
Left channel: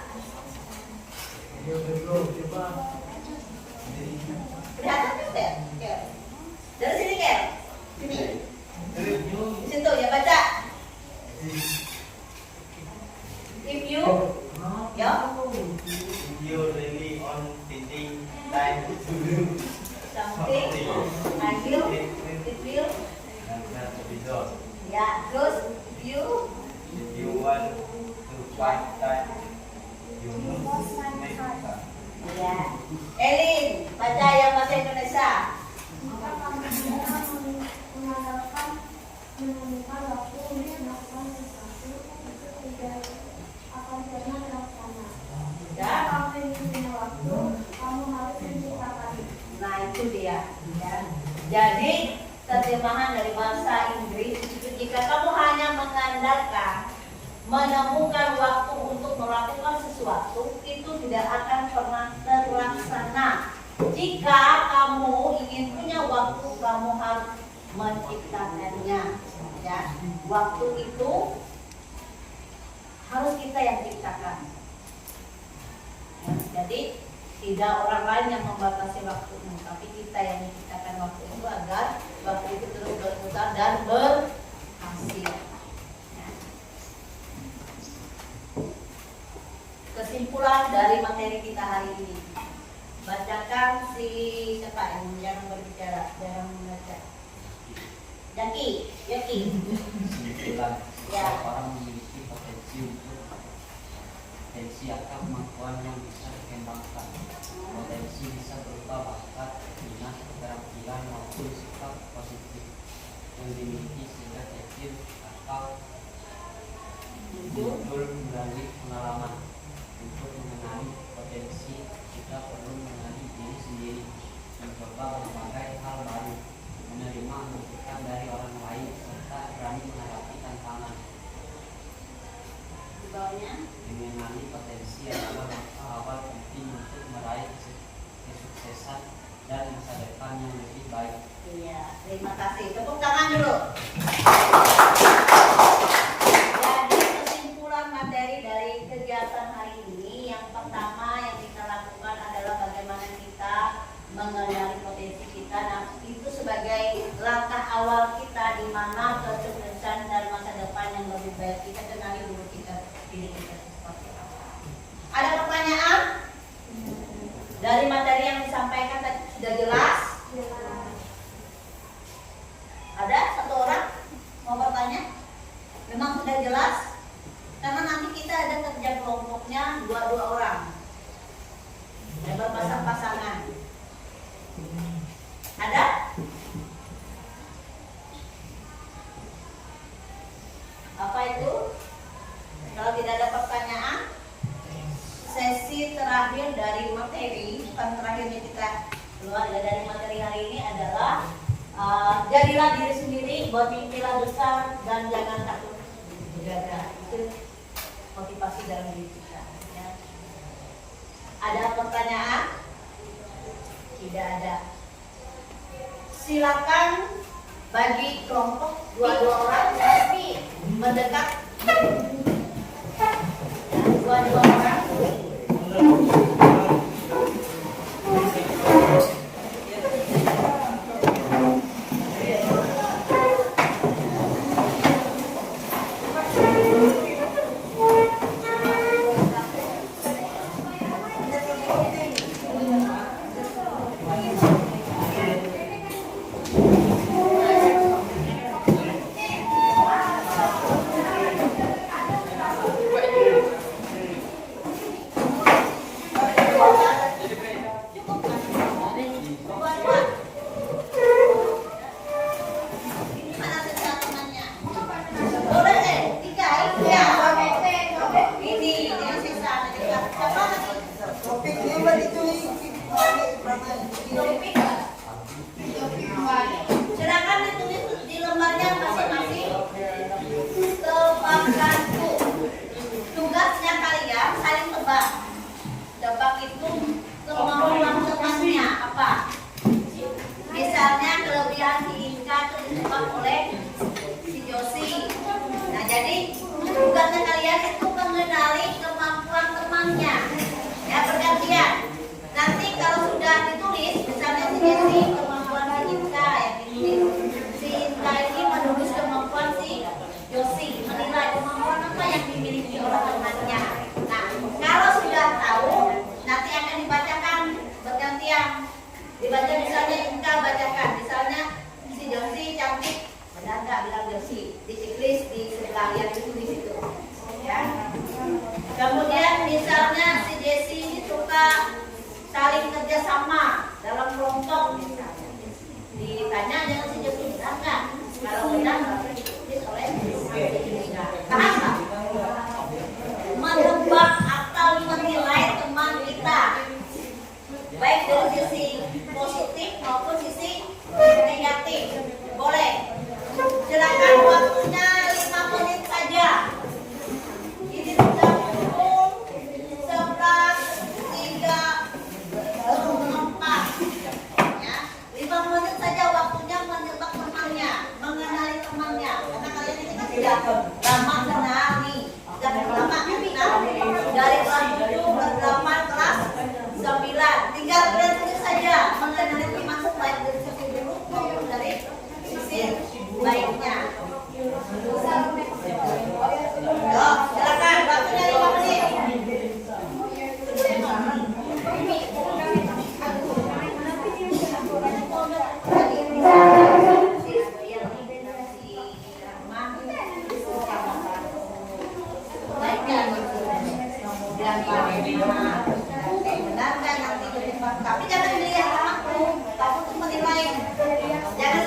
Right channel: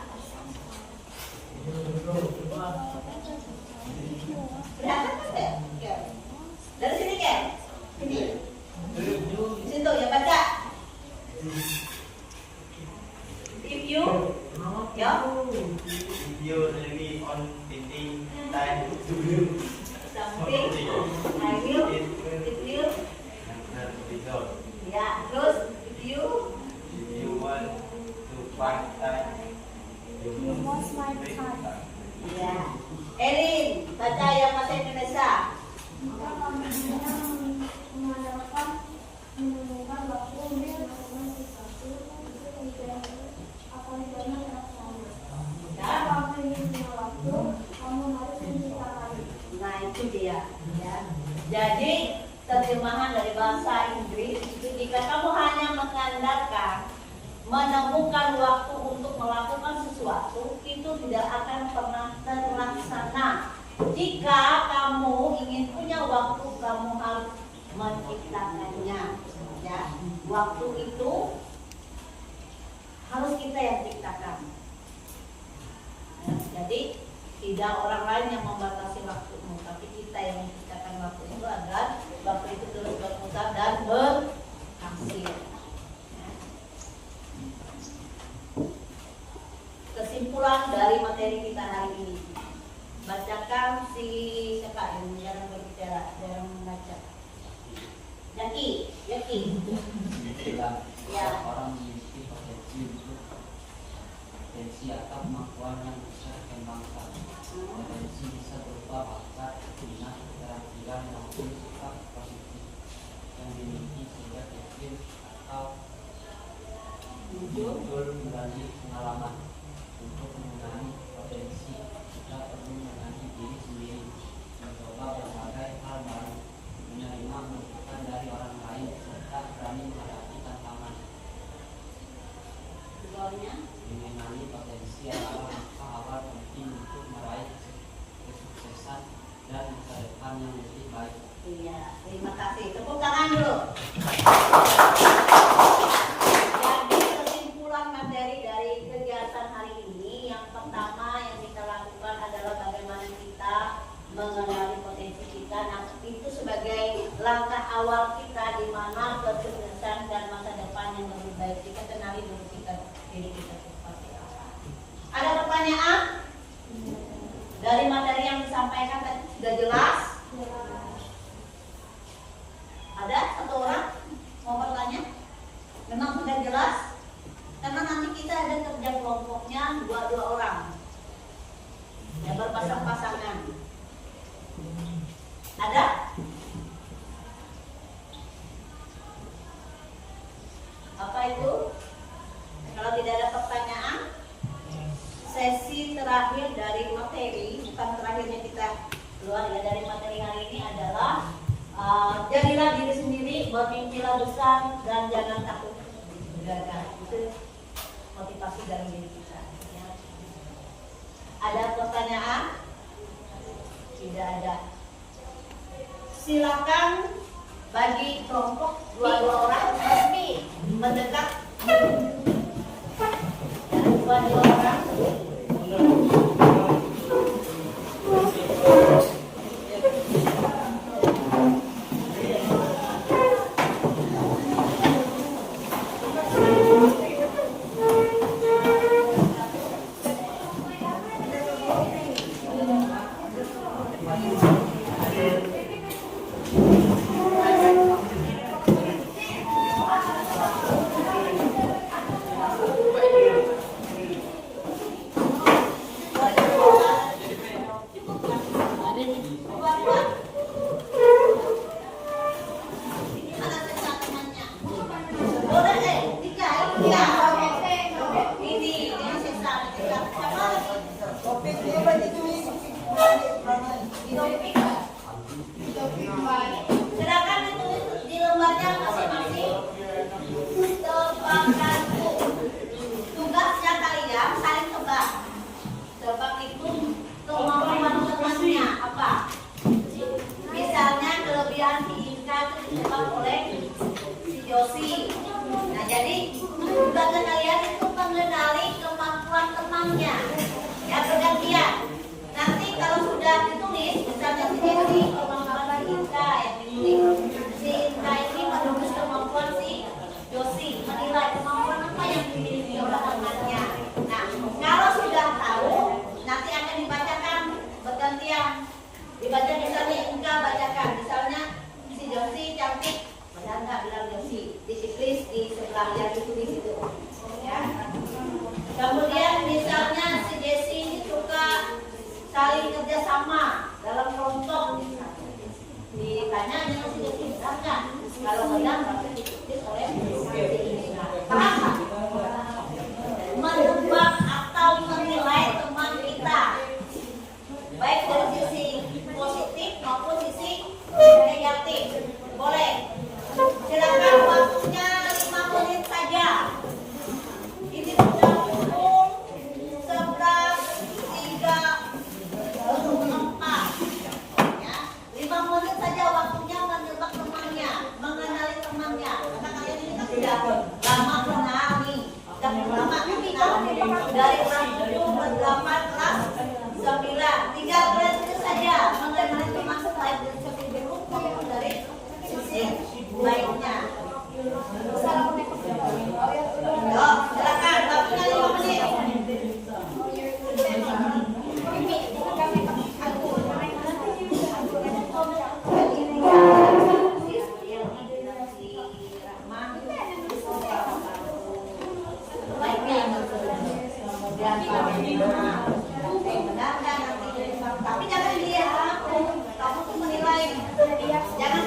Kelihatan kan Kel? Dari sini Kel. Sini. Di situ ya baca. If you, ya. You really on thinking time to do Something. I will. If you. not result. Ya, terus if you. If you want to find time, you must make time. Ya. Elin, baca yang bahasa Indonesia. Maka kami mengandalkan menemukan waktu untuk melakukan sesuatu itu tidak akan pernah terlaksana. Ya. Jika kamu punya waktu, kamu harus menciptakan. Nah, itu dia, ya. Jadi terjemahan dari bahasa Inggris itu jika kamu hanya mengandalkan menemukan waktu untuk melakukan sesuatu itu tidak akan pernah terlaksana. Jika kamu ingin punya waktu, kamu harus menciptakannya, ya. Waktu itu harus kita yang ciptakan, ya. Jadi tidak orang lain yang membatasi waktumu, tapi kita yang menciptakan waktu itu agar waktu itu terus berputar dan berhasil. Ya. Kesimpulan dari materi kita hari ini, bacakan si siapa yang jarang berbicara, jarang membaca. Yaki. Kesimpulan, Ya. orang memiliki potensi akan kemampuan yang bisa dikembangkan. Potensi bisa berupa bakat, minat, keterampilan maupun sifat positif yang dimiliki sehingga yakin atau muncul melalui pengalaman. Untuk mengenali potensi, kita perlu mengenali diri sendiri, mencoba berbagai hal baru, menerima masukan dari orang lain, serta berani menghadapi tantangan. Di bawahnya. Mengenali potensi adalah langkah awal penting untuk meraih kesuksesan dan masa depan yang lebih baik. Iya, terima kasih. Tepuk tangan dulu. Jadi kesimpulan materi dari kegiatan hari ini, yang pertama yang kita lakukan adalah bagaimana kita mengenali potensi kita. Nah, itu sebagai langkah awal kita di mana kesuksesan dan masa depan yang lebih baik. Kita kenali dulu diri kita seperti apa. Ada pertanyaan? Dari materi yang disampaikan tadi sudah jelas? Ada satu orang mau bertanya? Memang sudah jelas? Karena nanti kita ada kerja kelompoknya 2 orang dan berpasang-pasangan. Ada? Apa itu? Kalau tidak ada pertanyaan, sesi terakhir dari materi, bukan terakhirnya kita keluar ya dari materi hari ini adalah jadilah diri sendiri, bermimpilah besar dan jangan takut gagal. Itu motivasi dalam diri kita. Ya. Ada pertanyaan? Tidak ada. Silakan bagi kelompok dua orang mendekat. Dua orang. Silakan ditulis di lembarnya masing-masing. Tebak-gantu. Tugasnya kalian saling tebak. Tebak itu kemampuan temannya apa? Misalnya kelebihan si Inka itu ditebak oleh si Josi. Nah jadi tugasnya kalian itu mengenali kemampuan temannya. Ya bergantian. Nanti kalau sudah ditulis, misalnya si Josi kemampuan si Inka yang ditulis. Si Inka ini menulis kemampuan si Josi, menilai kemampuan apa yang dimiliki oleh temannya. Nah kalau sudah tahu, nanti akan dibacakan bergantian. Dibaca misalnya Inka bacakan, misalnya si Josi cantik, benar nggak bilang Josi, ditulis di sebelah yang ditulis itu, ya. Kemudian misalnya si Desi ini suka saling kerjasama dalam kelompok, ditanya dengan si Josi benar nggak? Kalau benar berarti ditulis oleh si Inka. Paham nggak? Menebak atau menilai teman kita, baik dari sisi positif maupun sisi negatif. Boleh. Silakan waktunya 5 menit saja. Ini sudah pukul 11.34. Ya, 5 menit saja waktunya menebak temannya, mengenali temannya. Karena kalian ini kan sudah lama kenal nih. Sudah lama kenal dari kelas 7, kelas 8, kelas 9. Tinggal kalian itu saja mengenali teman baik dari sisi buruk maupun dari sisi baiknya. Yo, silakan waktunya 5 menit. Tapi jangan dilihat kamu tuh menilai, jangan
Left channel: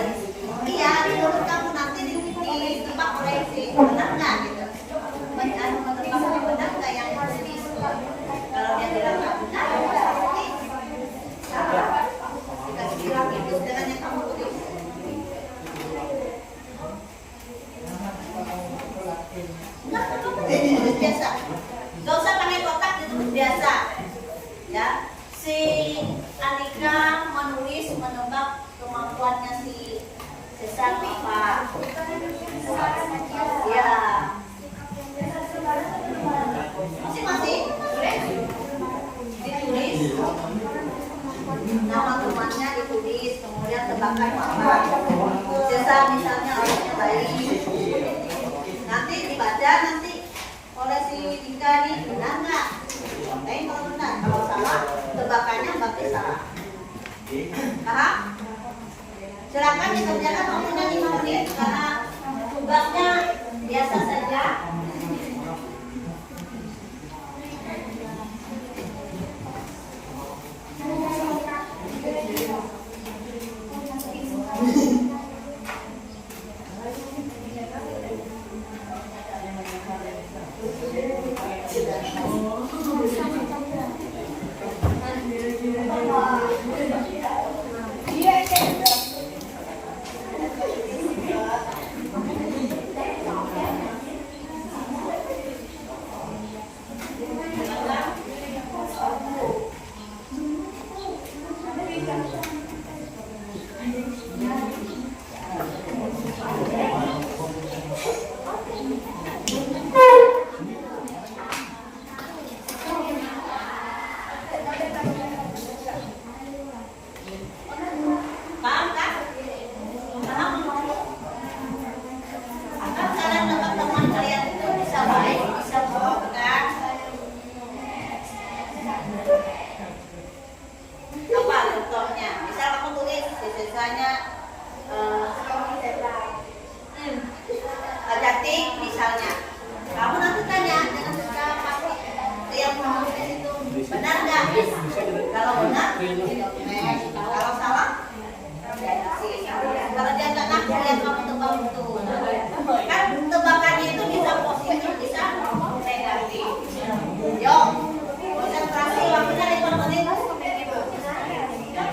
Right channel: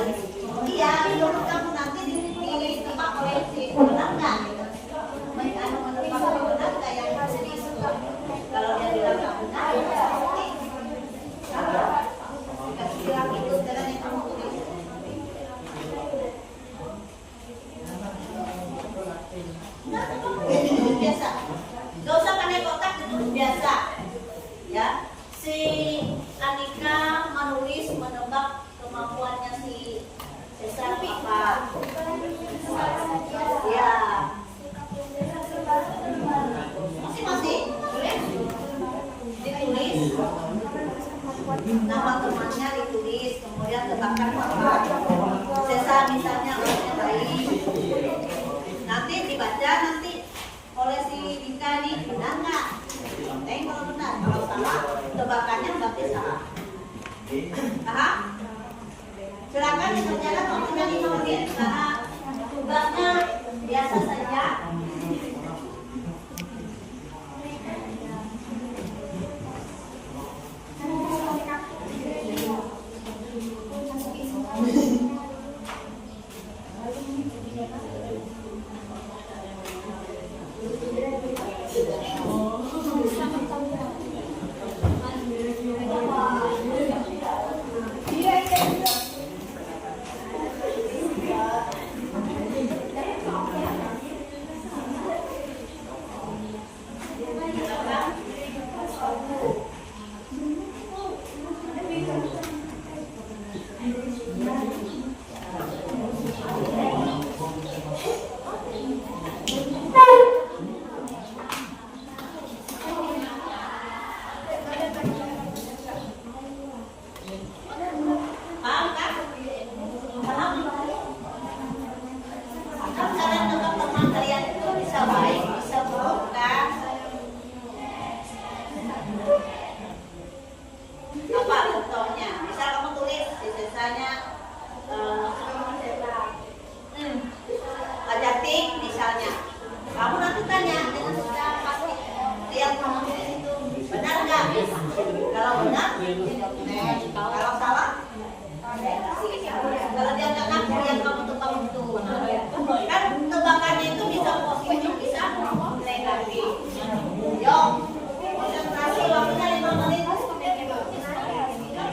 iya menurut kamu nanti ditebak oleh si benar nggak gitu, menurut kamu yang benar nggak yang jadi itu. Kalau dia bilang nggak benar, berarti dikasih bilang itu dengan yang kamu tulis. Nggak, biasa. Gak usah pakai kotak, itu biasa. Ya. Si Anika menulis menebak kemampuannya si Cesar apa? Ya. Masing-masing boleh ditulis nama temannya, ditulis kemudian tebakan apa? Cesar misalnya orangnya baik. Nanti dibaca nanti oleh si Dika ini benar nggak? Kalau benar, kalau salah tebakannya berarti salah. Paham? Silakan dikerjakan waktunya 5 menit karena tugasnya biasa saja. Kalau salah, kalau dia nggak ngaku yang kamu tebak itu, kan tebakannya itu bisa positif, bisa negatif. Yo, konsentrasi waktunya 5 menit.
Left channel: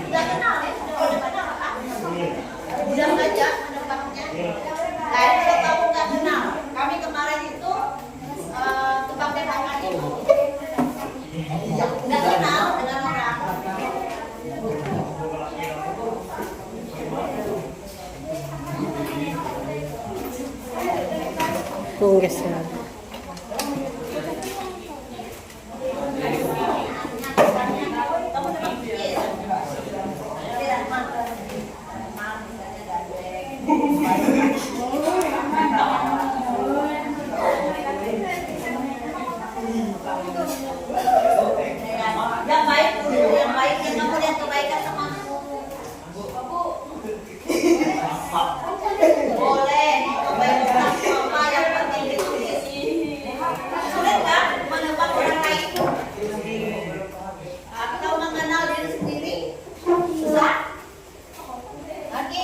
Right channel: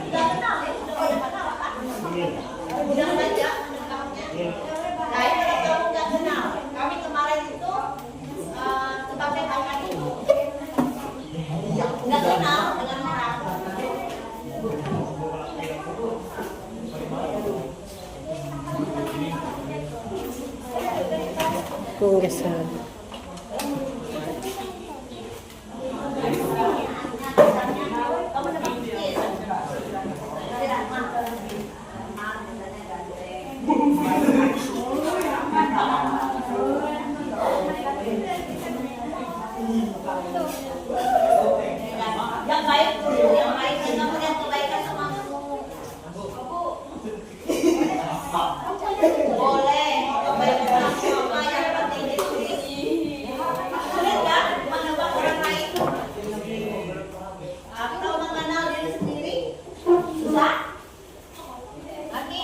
Sudah kenal ya, sudah kenal kan? Udah saja tebaknya. Nah, ini kalau kamu nggak kenal, kami kemarin itu tebak-tebakan itu nggak kenal dengan orang. Kung gasal. Yang baik dulu, yang baik yang kamu lihat kebaikan temanmu. Boleh, kebaikan apa yang penting itu. Sulit kan menebak orang lain itu? Atau mengenal diri sendiri? Susah? Lagi?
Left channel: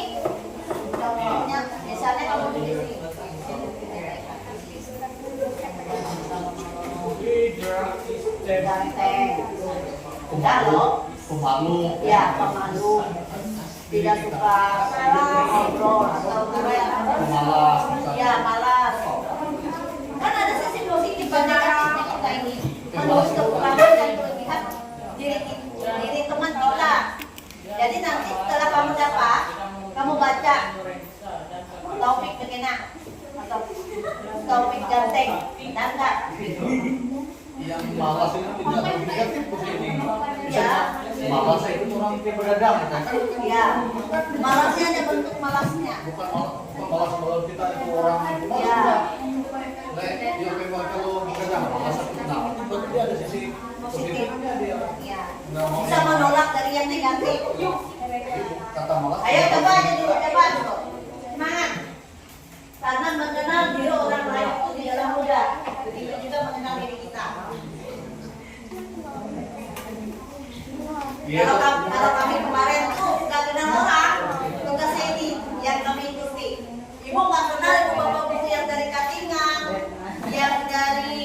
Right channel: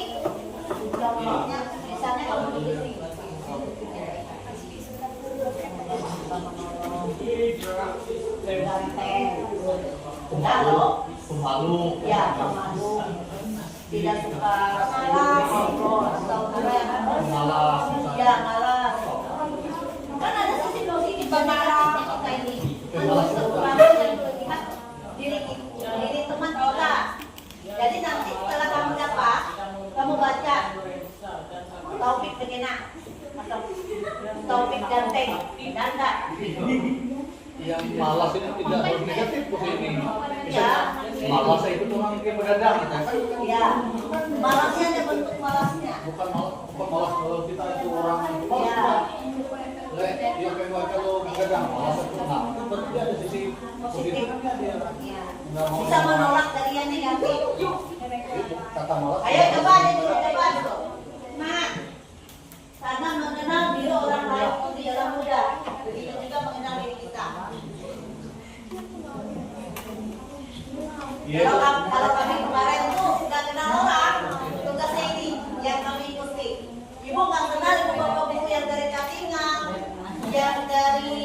Jawabnya misalnya kamu di sini. Kalau ya pemalu, tidak suka ngobrol atau ya malas. Kan ada sisi positif banyak kita ini menulis kekurangan dan kelebihan diri teman kita. Jadi nanti setelah kamu dapat, kamu baca topik begini atau topik ganteng, nanda. Yang malas itu tidak negatif begini. Ya. Malas itu orang yang berdagang kan? Ya, malasnya ada bentuk malasnya. Bukan malas kalau kita itu orang yang malas. Ya. Dia memang kalau berdagang malas itu nah, itu berarti ada sisi Positif. positifnya dia. Ya. Nggak mau Bisa menolak dari yang negatif. itu kata malas. Ayo coba aja dulu, coba dulu. Semangat. Karena mengenal diri orang lain itu di dalam mudah. Begitu juga mengenal diri kita. Kalau kami kemarin tuh nggak kenal orang, tugasnya ini yang kami ikuti. Ibu nggak kenal ibu bapak-ibu yang dari Katingan, yang dari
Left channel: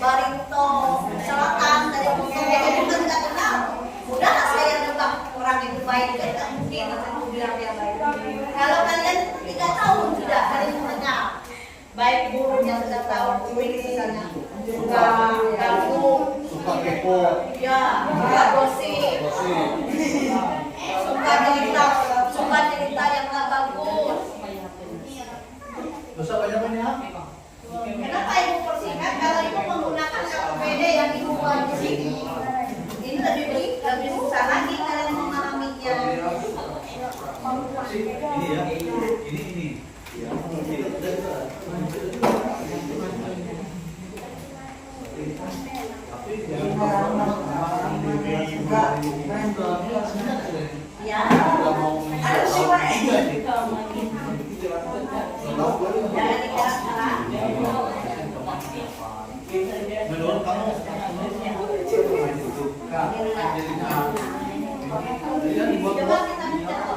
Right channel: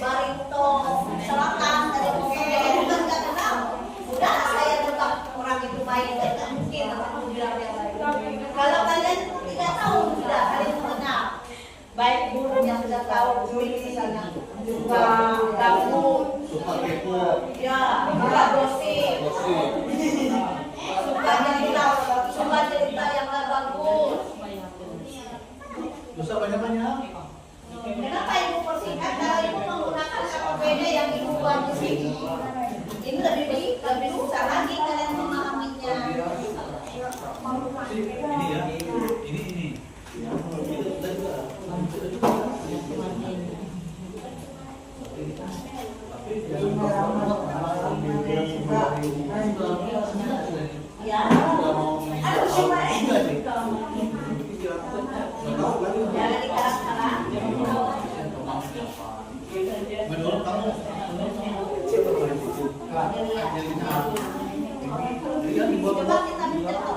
Barito Selatan, dari Bogor, ibu kan nggak kenal. Udahlah saya tebak orang itu baik, kan nggak mungkin aku bilang dia baik. Kalau kalian 3 tahun sudah kalian mengenal, baik gurunya sudah tahu dulu misalnya suka ganggu, Suka kepo. ya, suka gosip, suka cerita yang nggak bagus. Dosa banyak-banyak. Kenapa ibu persingkat? Kalau ibu menggunakan APBD yang ibu buat di sini, ini lebih susah lagi kalian memahaminya. Ini ya, ini. Ya, jangan dikeras-keras. Menurut kamu Coba kita mencontoh.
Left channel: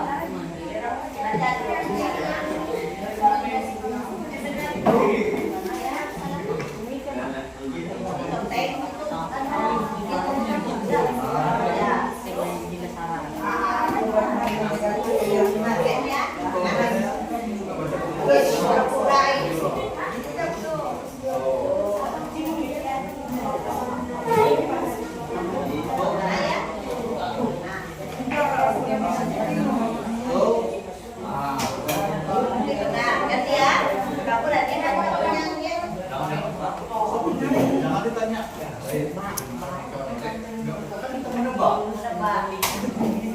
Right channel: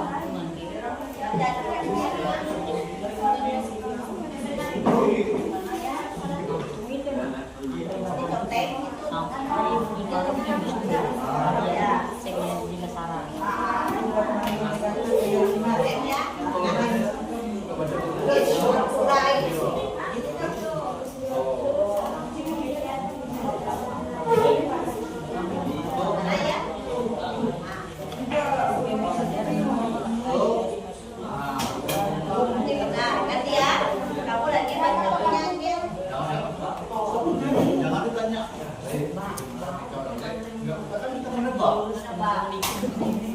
jangan ditanya. Kan kita menebak.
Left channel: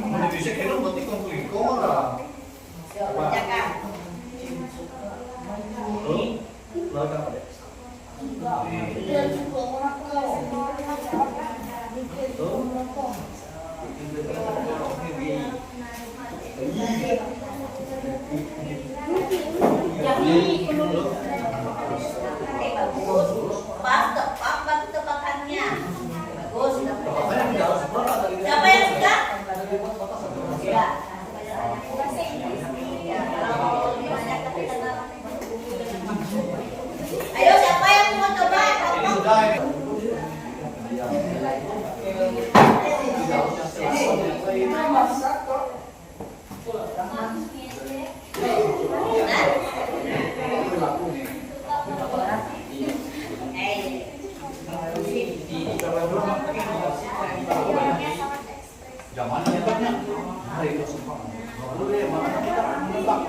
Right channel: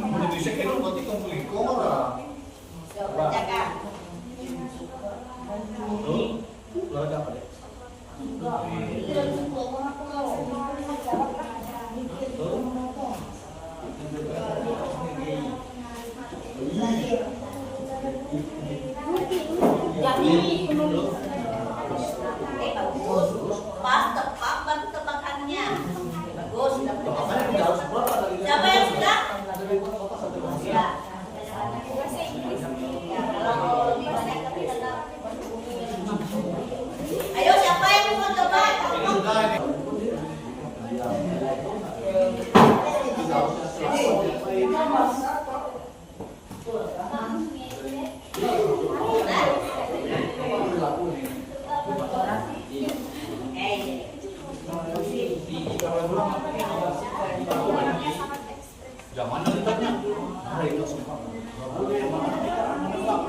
Mana bisa kira berarti konflik orang. Kerjakan. Lalu apa deh? Bagus. Pas tepat batu tebakannya. Bagus. Makanya tidak harus berapa Zaman hebatnya. Hari itu semua. Boleh mana kita menembak.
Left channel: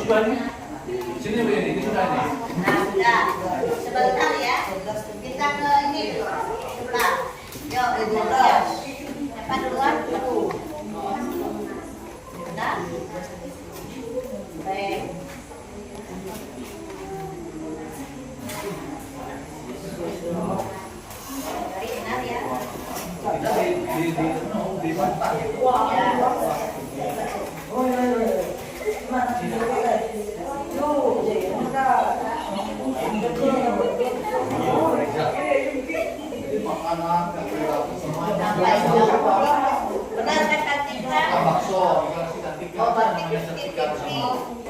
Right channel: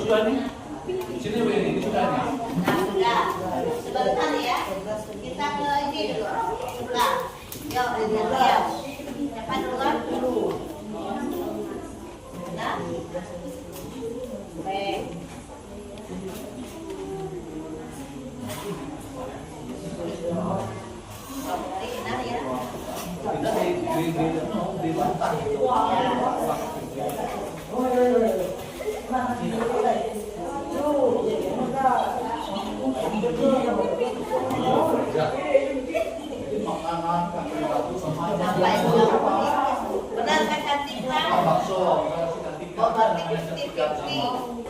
Sudah nih. Sini begini, ini sudah nih. Nah, sebentar ya. Kita ke ini dulu. Sebentar. Yuk, lihat. Siapa duluan? Benar? Baik. Benar ya. Kita di bantah. Ya. Makanan yang berlaku semuanya. Benar kan Kantika? Bakso, kasih Kantika. Oh, berarti 50-50.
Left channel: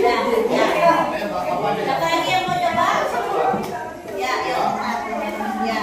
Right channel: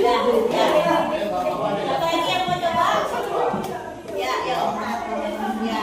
Ya, ya. Siapa lagi yang mau coba? Ya, yuk. Ya.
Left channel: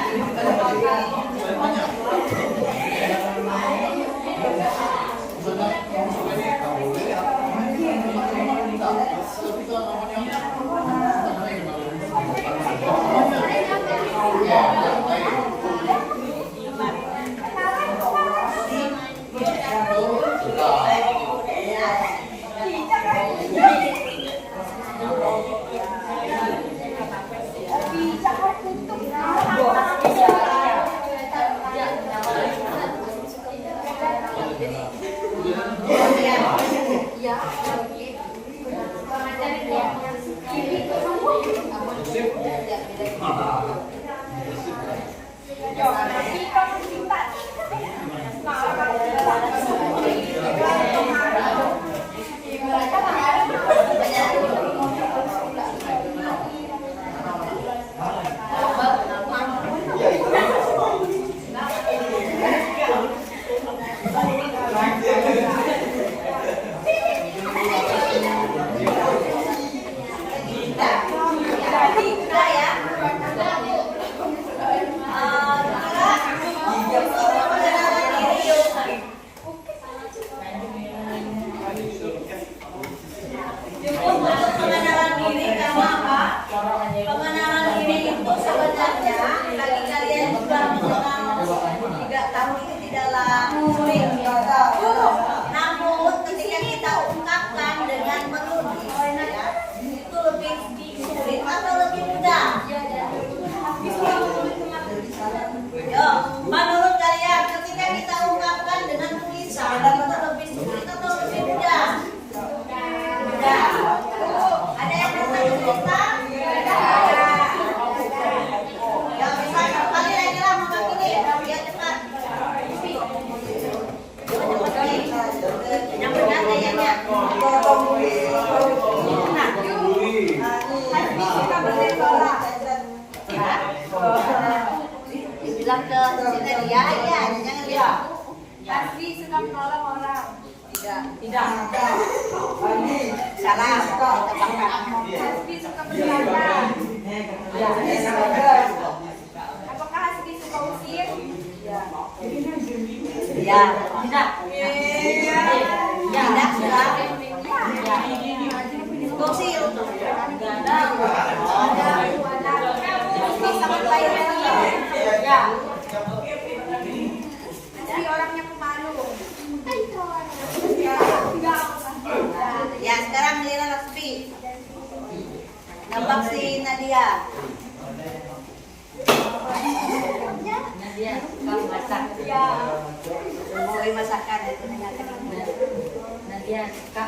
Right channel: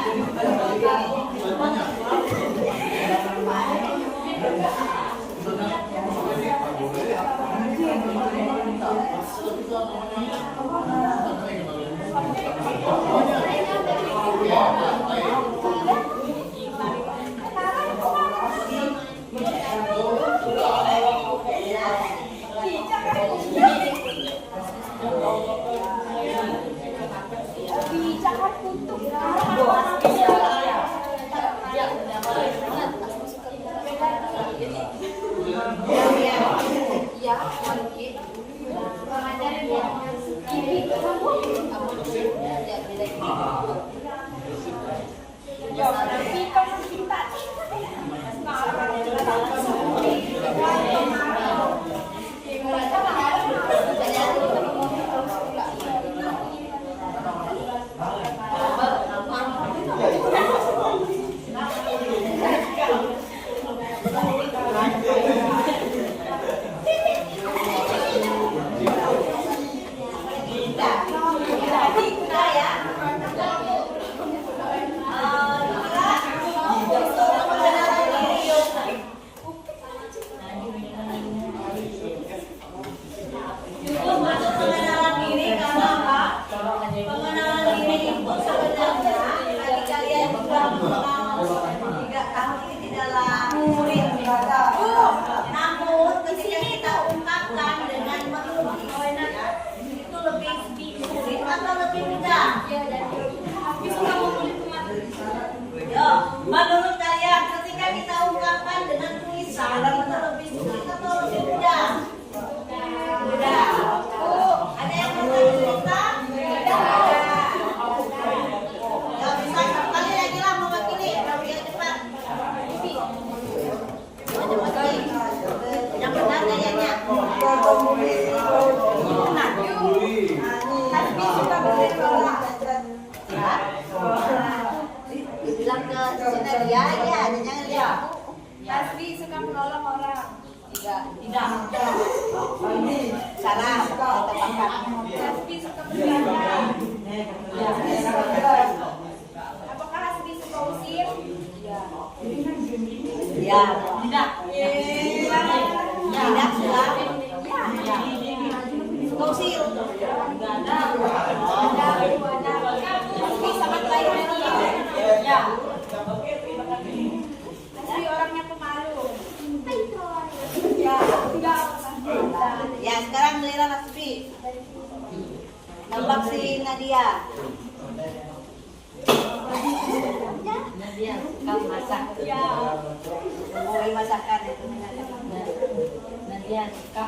Menurut kalian ketika kita ungkapkan dengan tulisan itu lebih sulit atau lebih mudah? Mudah. Ada yang merasa kesulitan? Yang bisa kali lagi lah mewakili, biar cepat. Cepat nih. Yang benar kayaknya. Benar. Ya. Bilang ke Sina dia ya, jangan lihat. Asli suka menolong orang. Tidak. Salah. Tebakan. Asli suka bercanda. Apakah Asli suka usir? Ya. Tidak. Tidak sudah. Suka usir. Kamu sangat baik lagi. Ya. Asli orangnya pemalu. Ya, sekarang giliran Asfi. Nembak si Nadia. Nadia suka masak. Mau masakan itu. Nadia suka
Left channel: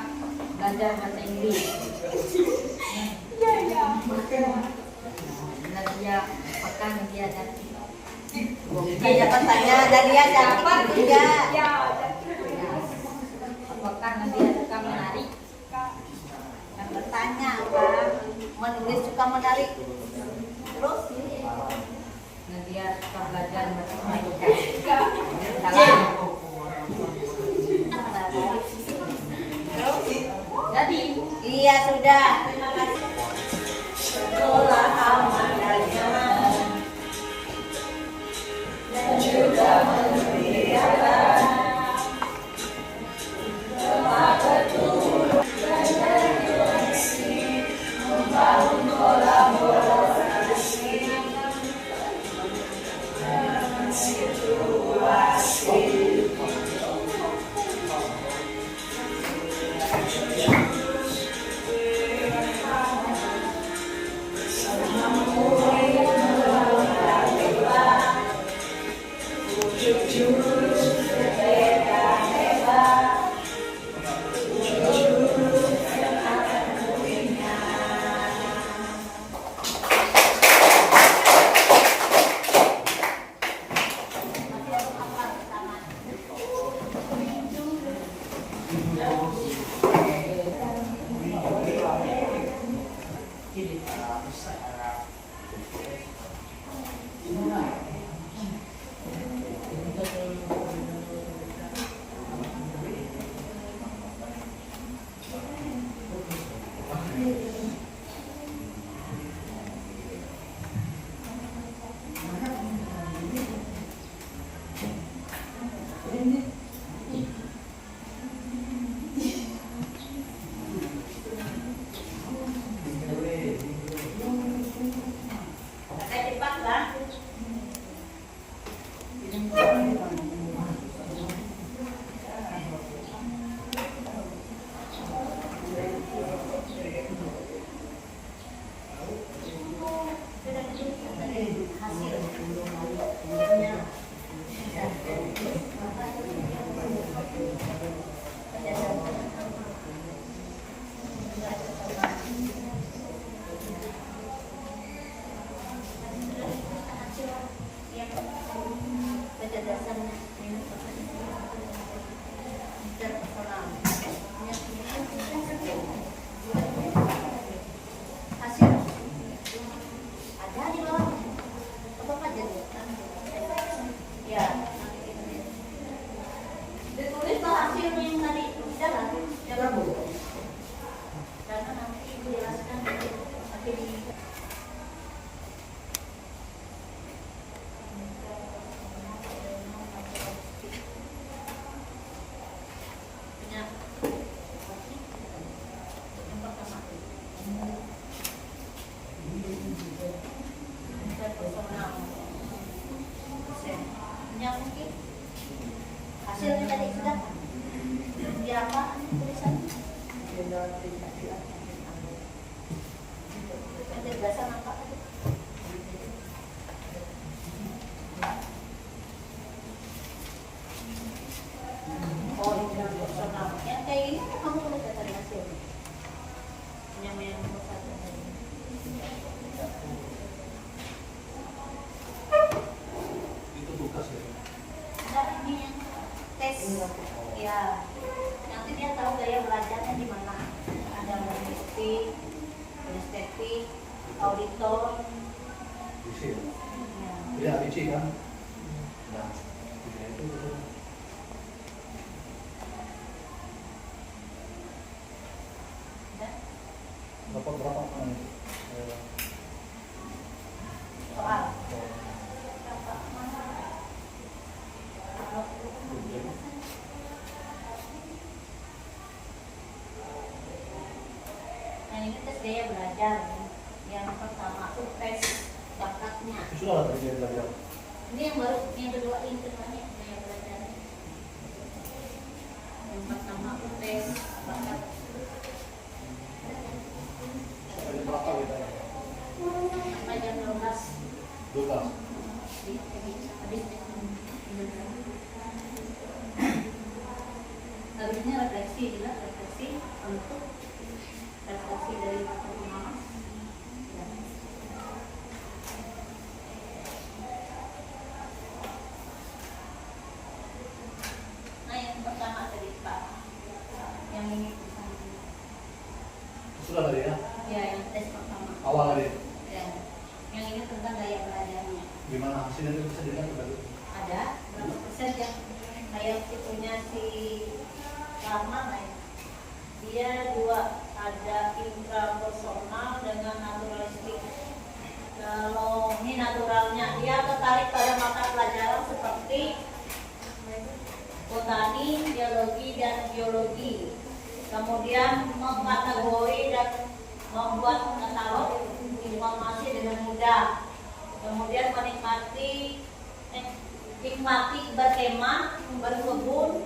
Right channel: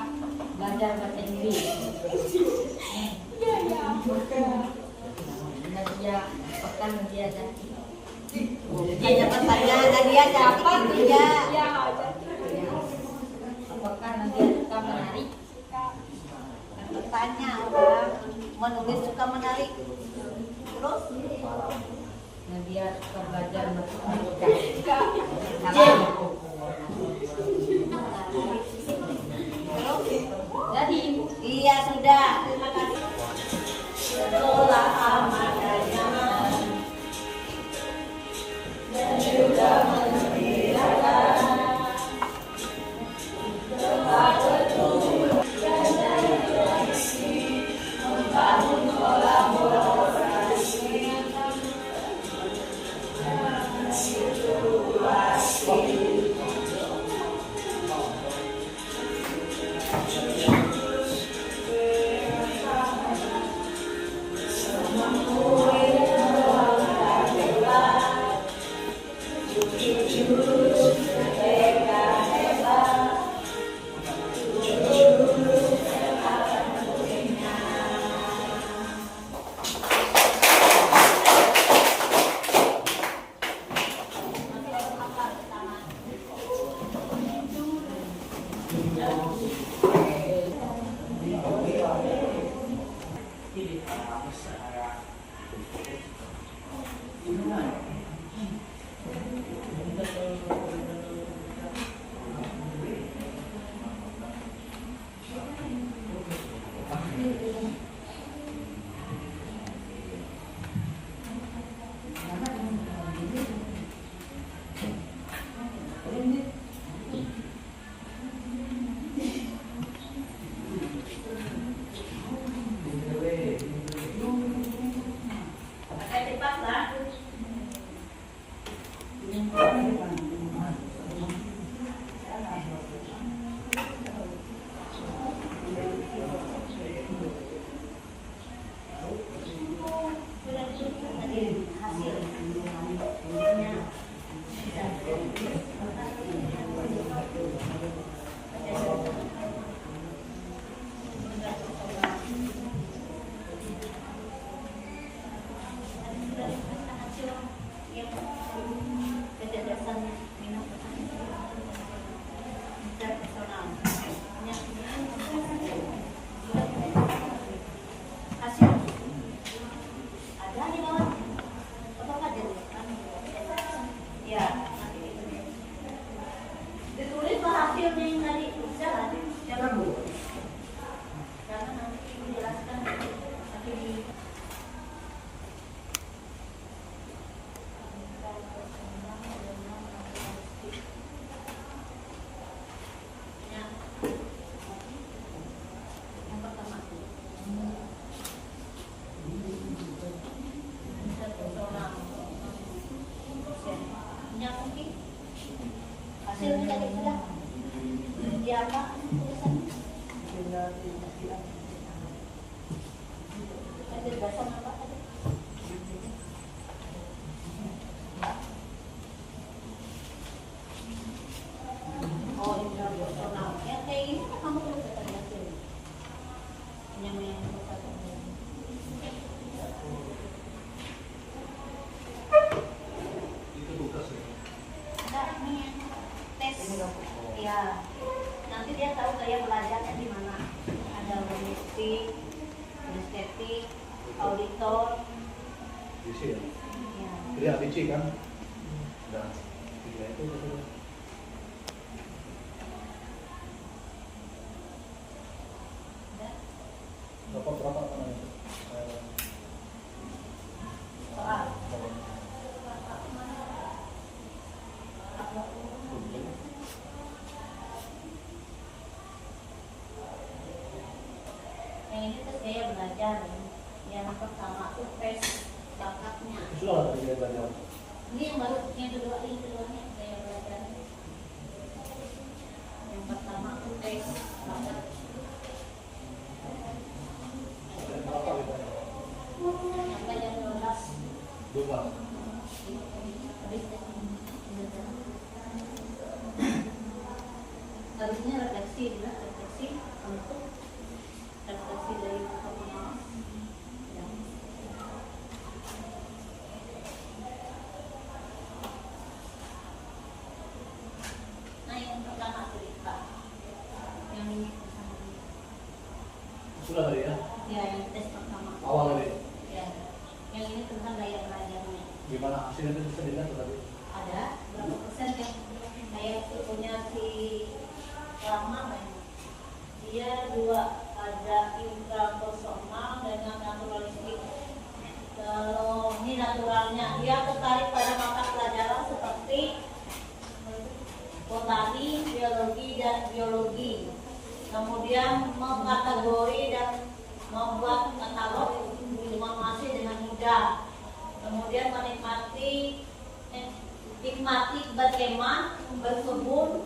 belajar bahasa Inggris. Nadia pekan Nadia dan Tanya tanya Nadia dapat tidak? apakah Nadia suka menari? Bertanya apa? Menulis suka menarik. Terus Nadia suka belajar matematika. Salah. Jadi, iya sudah. Terima kasih. Sekolah aman dan nyaman dan juga memeriahkan tempat bertumbuh dan interaksi, membangun kolaborasi dan situasi. Hasilnya tadi sudah di apa tulisannya? Penjelasan apa tadi? Oh ini personal. Yang kayak gini kan kamu tulis tadi hasilnya. Yang satu tadi. Itu tugas ya. Nah, ini yang tes. Ya. Nanti dia tahu gaya belajarnya di mana. Ada logistik, estetik, auditor. Bisa ya. Ya. Jadi ABC kan. Nah, tiga itu. Udah. Berapa Soal. Yang ini tes gaya belajar. Yang pertama itu tes bakatnya. sudah tadi dia belajar. Ini yang baru, yang kedua ini keduanya gaya belajar. Yang pertama itu tes bakat. Ada berapa bedanya? Sampai jam 12. 12. Habisnya refleksi juga, refleksi untuk refleksi dari mata pengawas. Nah yang pertama tadi Pak, yang ini Sudah tadi ya. ya yang tes pertama. Awal tadi. Ya, yang ini tentang gaya belajarnya. Gimana? Hasilnya itu bisa dilihat tadi? Ada berapa persen yang kayak tipenya si Rahman lah ya? Dia dua, ada intrapersonal dengan naturalistik. Kalau ini naturalnya, dia tertarik pada mata pelajaran seperti botani, biologi, dan geologi. Kemudian mengkategori dan membuat katalog informasi dengan mudah. Kemudian nikmati berkemah, berkebun,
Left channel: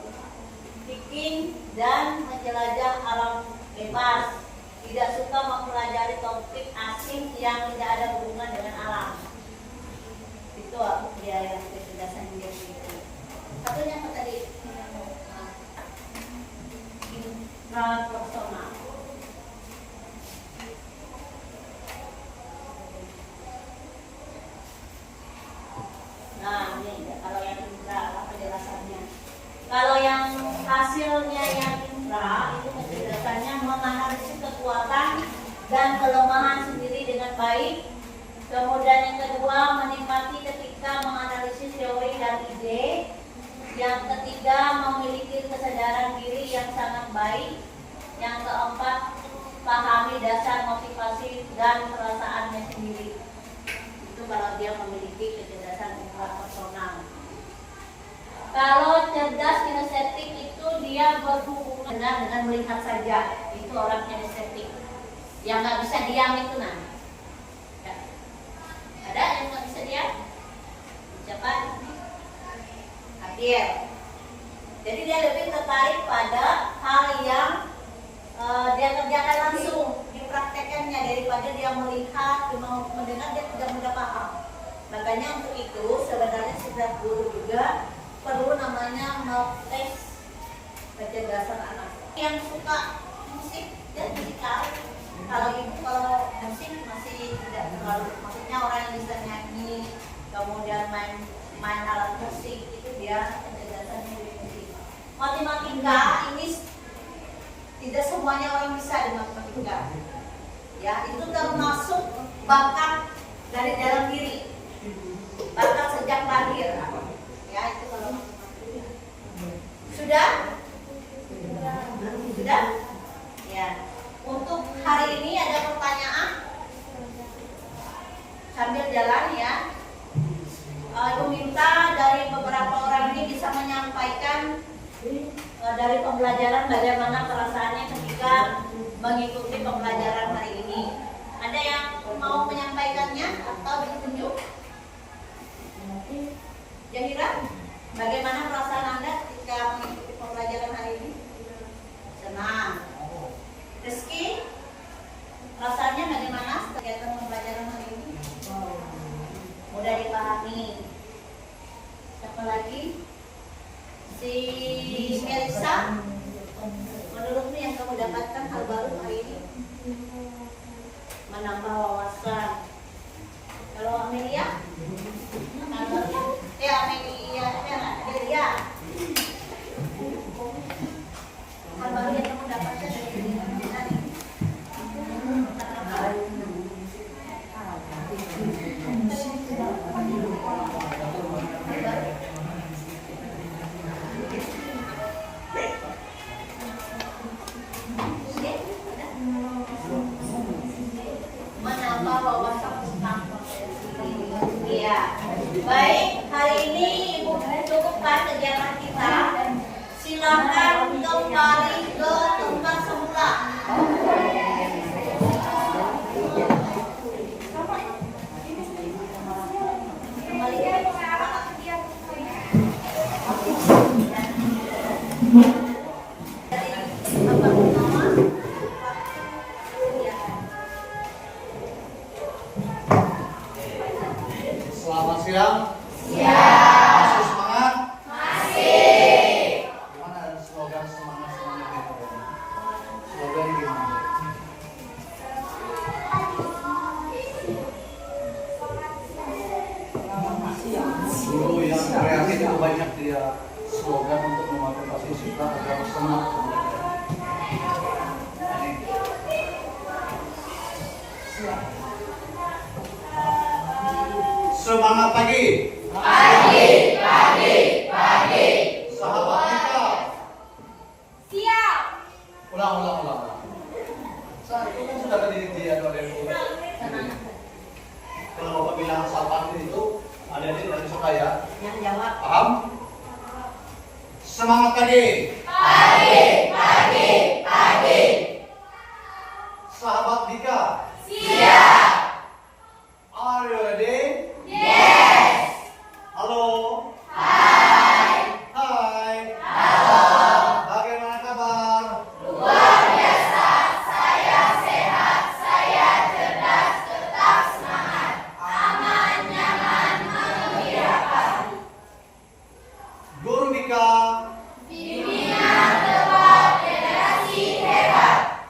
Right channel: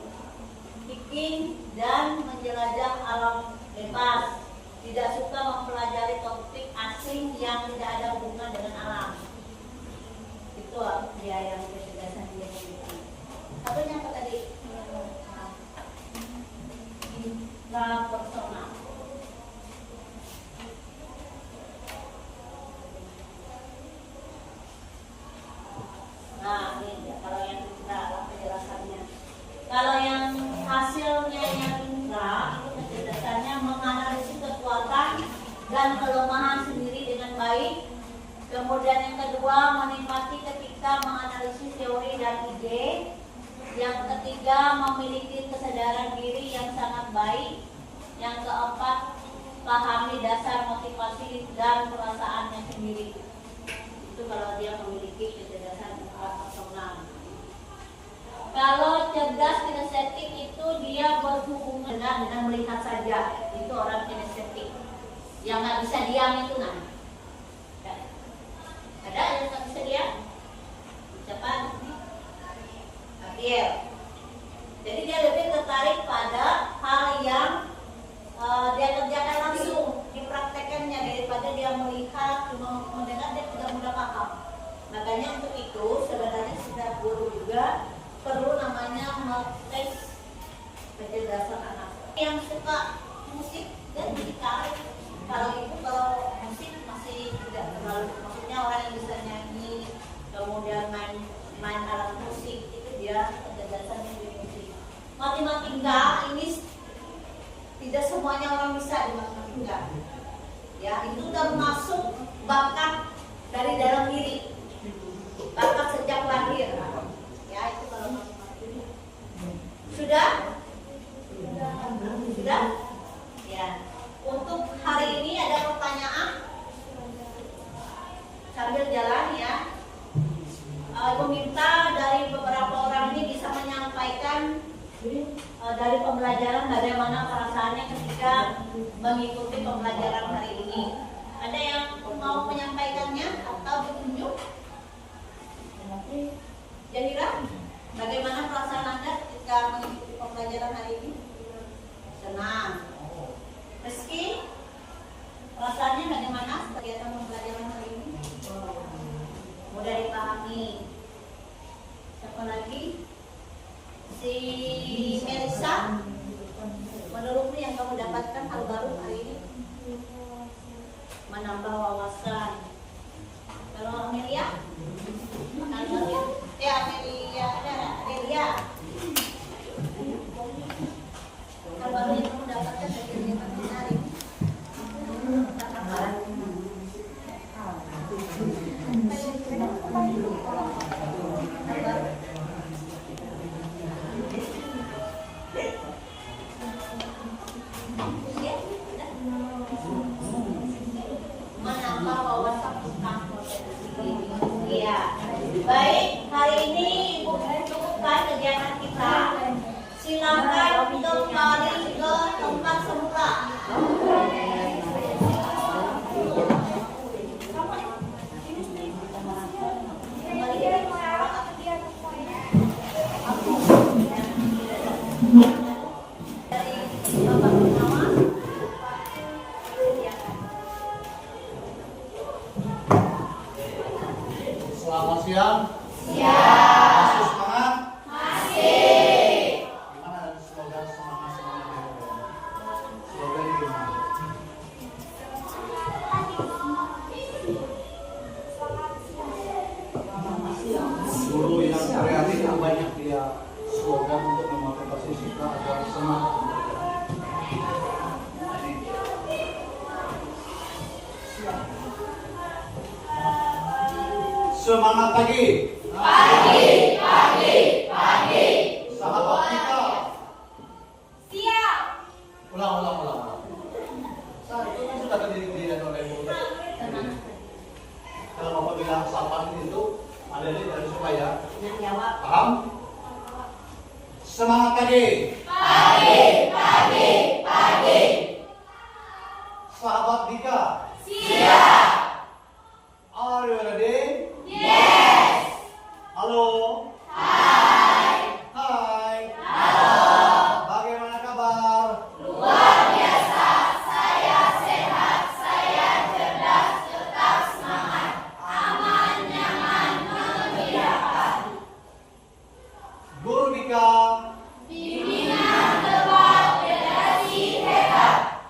hiking, dan menjelajah alam bebas. Tidak suka mempelajari topik asing yang tidak ada hubungan dengan alam. Itu dia yang kecerdasan dia miliki. Satunya apa tadi? Intrapersonal. Nah, ini kalau yang intra apa penjelasannya? Kalau yang hasilnya yang intra itu penjelasannya menganalisis kekuatan dan kelemahan sendiri dengan baik. Kemudian yang kedua, menikmati ketika menganalisis teori dan ide. Yang ketiga, memiliki kesadaran diri yang sangat baik. Yang keempat, pahami dasar motivasi dan perasaannya sendiri. Itu kalau dia memiliki kecerdasan intrapersonal. Kalau cerdas kinestetik itu dia berhubungan dengan melihat saja. Itu orang kinestetik. Yang nggak bisa diam itu nah. Ada yang nggak bisa diam? Siapa? Hadir. Jadi dia lebih tertarik pada hal yang dia kerjakan langsung, dipraktekannya daripada dia melihat, cuma mendengar dia tidak mudah paham. Makanya untuk itu sebenarnya setiap guru juga perlu namanya tes kecerdasan anak. Yang suka musik dan gitar, kalau ibu kalau musik masih tidak terlalu, maksudnya orang yang bisa nyanyi, kemudian main alat musik itu dia kecerdasannya di musik. Matematika ini tidak semuanya orang bisa di matematika. Ya, itu termasuk bakat dari dalam diri, bakat sejak lahir. Ya, itu kalau matematika. Sudah? Sudah? Ya. Untuk hari ini ada pertanyaan sambil jalan ya. Ibu minta dari beberapa orang ini bisa menyampaikan dari pembelajaran bagaimana perasaannya ketika mengikuti pembelajaran hari ini. Ada yang mau menyampaikannya atau ditunjuk? Jahira, bagaimana perasaan Anda ketika mengikuti pembelajaran hari ini? Senang. Rizky, perasaannya bagaimana kegiatan pembelajaran hari ini? Mudah dipahami. Siapa lagi? Si Melisa, menurutmu yang kamu dapatkan hal baru hari ini? Menambah wawasan. Kalau Amelia? Amelia. Hal baru yang kamu dapatkan dari kegiatan hari ini? Menambah wawasan tentang potensi. Iya. Baik, hari ini Ibu cukupkan kegiatan kita. Silakan kembali ke tempat semula. Kembali ke dari Bapak Gunawan. Selamat siang. Siang. Masih semangat? Masih. Gimana slogan semangat-semangat itu? Slogan gimana? Guru yang kreatif itu banyak dia slogan untuk memotivasi siswa agar semangat belajar. Semangat Semangat pagi. Pagi. Sahabat kita. Siap. Ulang. Saya itu kan sudah kejadian oleh Bu. Kalau Bapak bilang sahabat itu ada dari Surabaya. Yang jawab. Paham? Semangat pagi. Sahabat Dika. Siap. Are you ready? Yes. Halo. Hai. Hai. Bagaimana kabar? Luar biasa. Saya sehat. Saya cerdas. Tetap semangat. Aman, nyaman, menggembirakan. Guru Dika. Bimbingan tepat, redaksi hebat.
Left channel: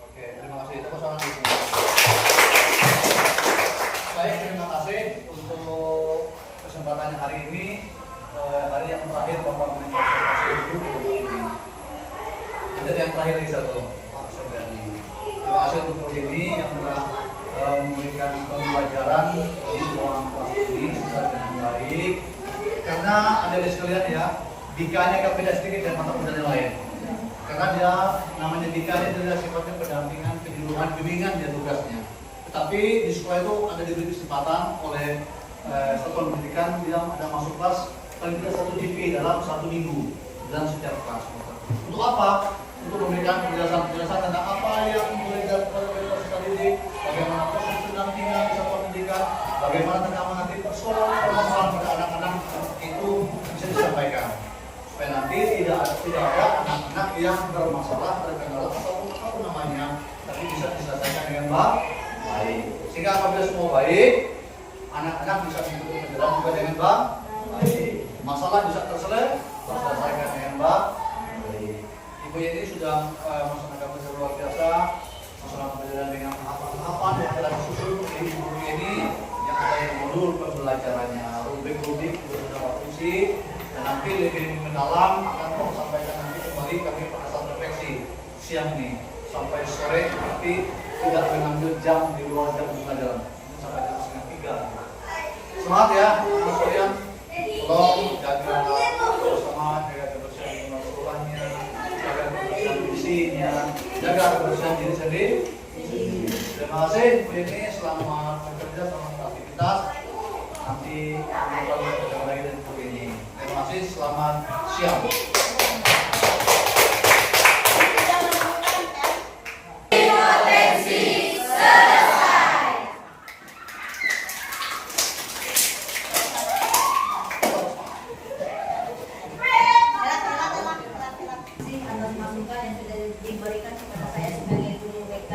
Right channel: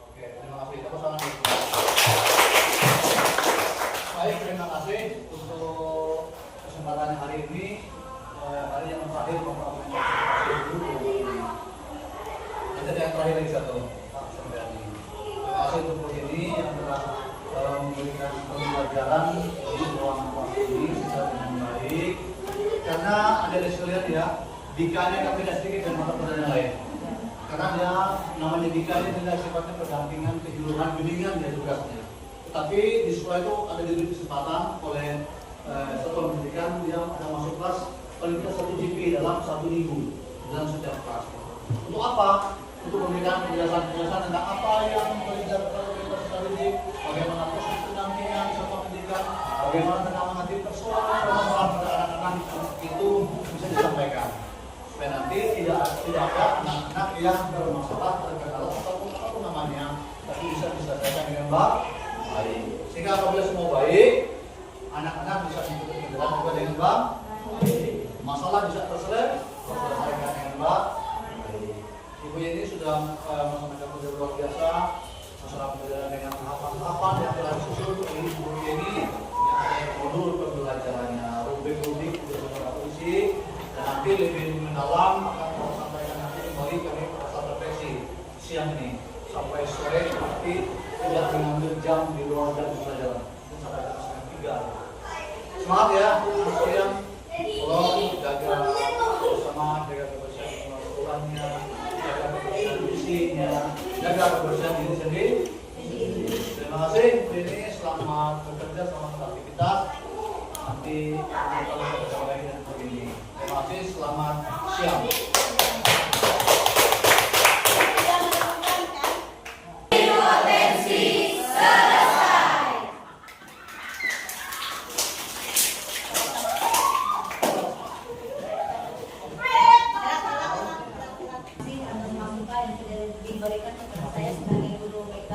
Oke, terima kasih. Tepuk tangan dulu. Baik, terima kasih untuk kesempatannya hari ini. Hari yang terakhir Bapak menyampaikan dulu. Ada yang terakhir lagi satu, Pak Sobrani. Terima kasih untuk Bu ini yang telah memberikan pembelajaran di ruang kelas ini secara dengan baik. Karena ada di sekalian ya, Dikanya agak beda sedikit dan mata pelajaran yang lain. Karena dia namanya Dika ini adalah sifatnya pendampingan, kejuruan, bimbingan dia tugasnya. Tetapi di sekolah itu ada diberi kesempatan oleh satuan pendidikan yang ada masuk kelas paling tidak 1 GP dalam 1 minggu dalam setiap kelas. Untuk apa? Untuk memberikan penjelasan tentang apa yang belajar oleh peserta didik, bagaimana proses pendampingan satuan pendidikan, bagaimana tentang menghadapi persoalan pada anak-anak itu bisa disampaikan. Supaya nanti tidak ada anak-anak yang bermasalah terkendala ataupun apa namanya, tapi bisa diselesaikan dengan baik. Sehingga apabila semua baik, anak-anak bisa mengikuti pelajaran juga dengan baik. Masalah bisa terselesaikan dengan baik. Ibu ini sudah melaksanakan pelajaran luar biasa, melaksanakan pelajaran dengan apa yang telah disusun ibu ini yang ada di modul pembelajarannya, rubrik-rubrik beberapa isi. Dan nanti lebih mendalam akan kami sampaikan nanti kembali kami pada saat refleksi siang nih sampai sore, tapi tidak mengambil jam di luar jam pelajaran sampai jam 2:30. Semangat ya anak sekalian, tolong jaga bersama, jaga kebersihan rumahnya, jaga kebersihan isinya, jaga kebersihan diri sendiri. Terima kasih Bu ini, selamat bekerja, selamat beraktivitas. Nanti kita berjumpa lagi dan begini. Terima kasih, selamat siang. Potensi selesai. Atas masukan yang sudah diberikan kepada saya sebagai guru BK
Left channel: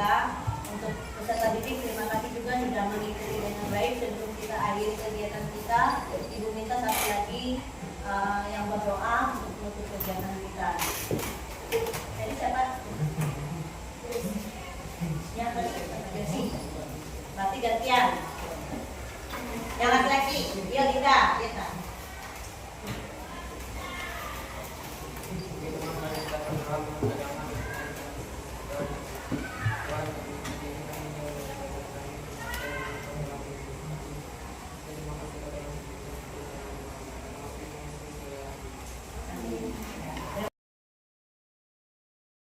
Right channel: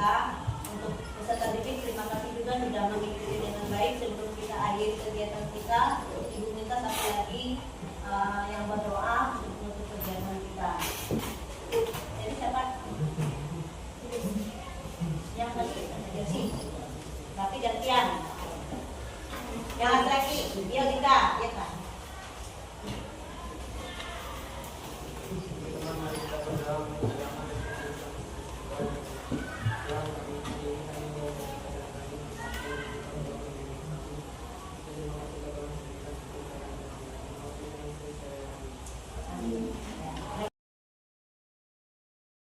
untuk peserta didik. Terima kasih juga sudah mengikuti dengan baik. Sebelum kita akhiri kegiatan kita, Ibu minta satu lagi yang berdoa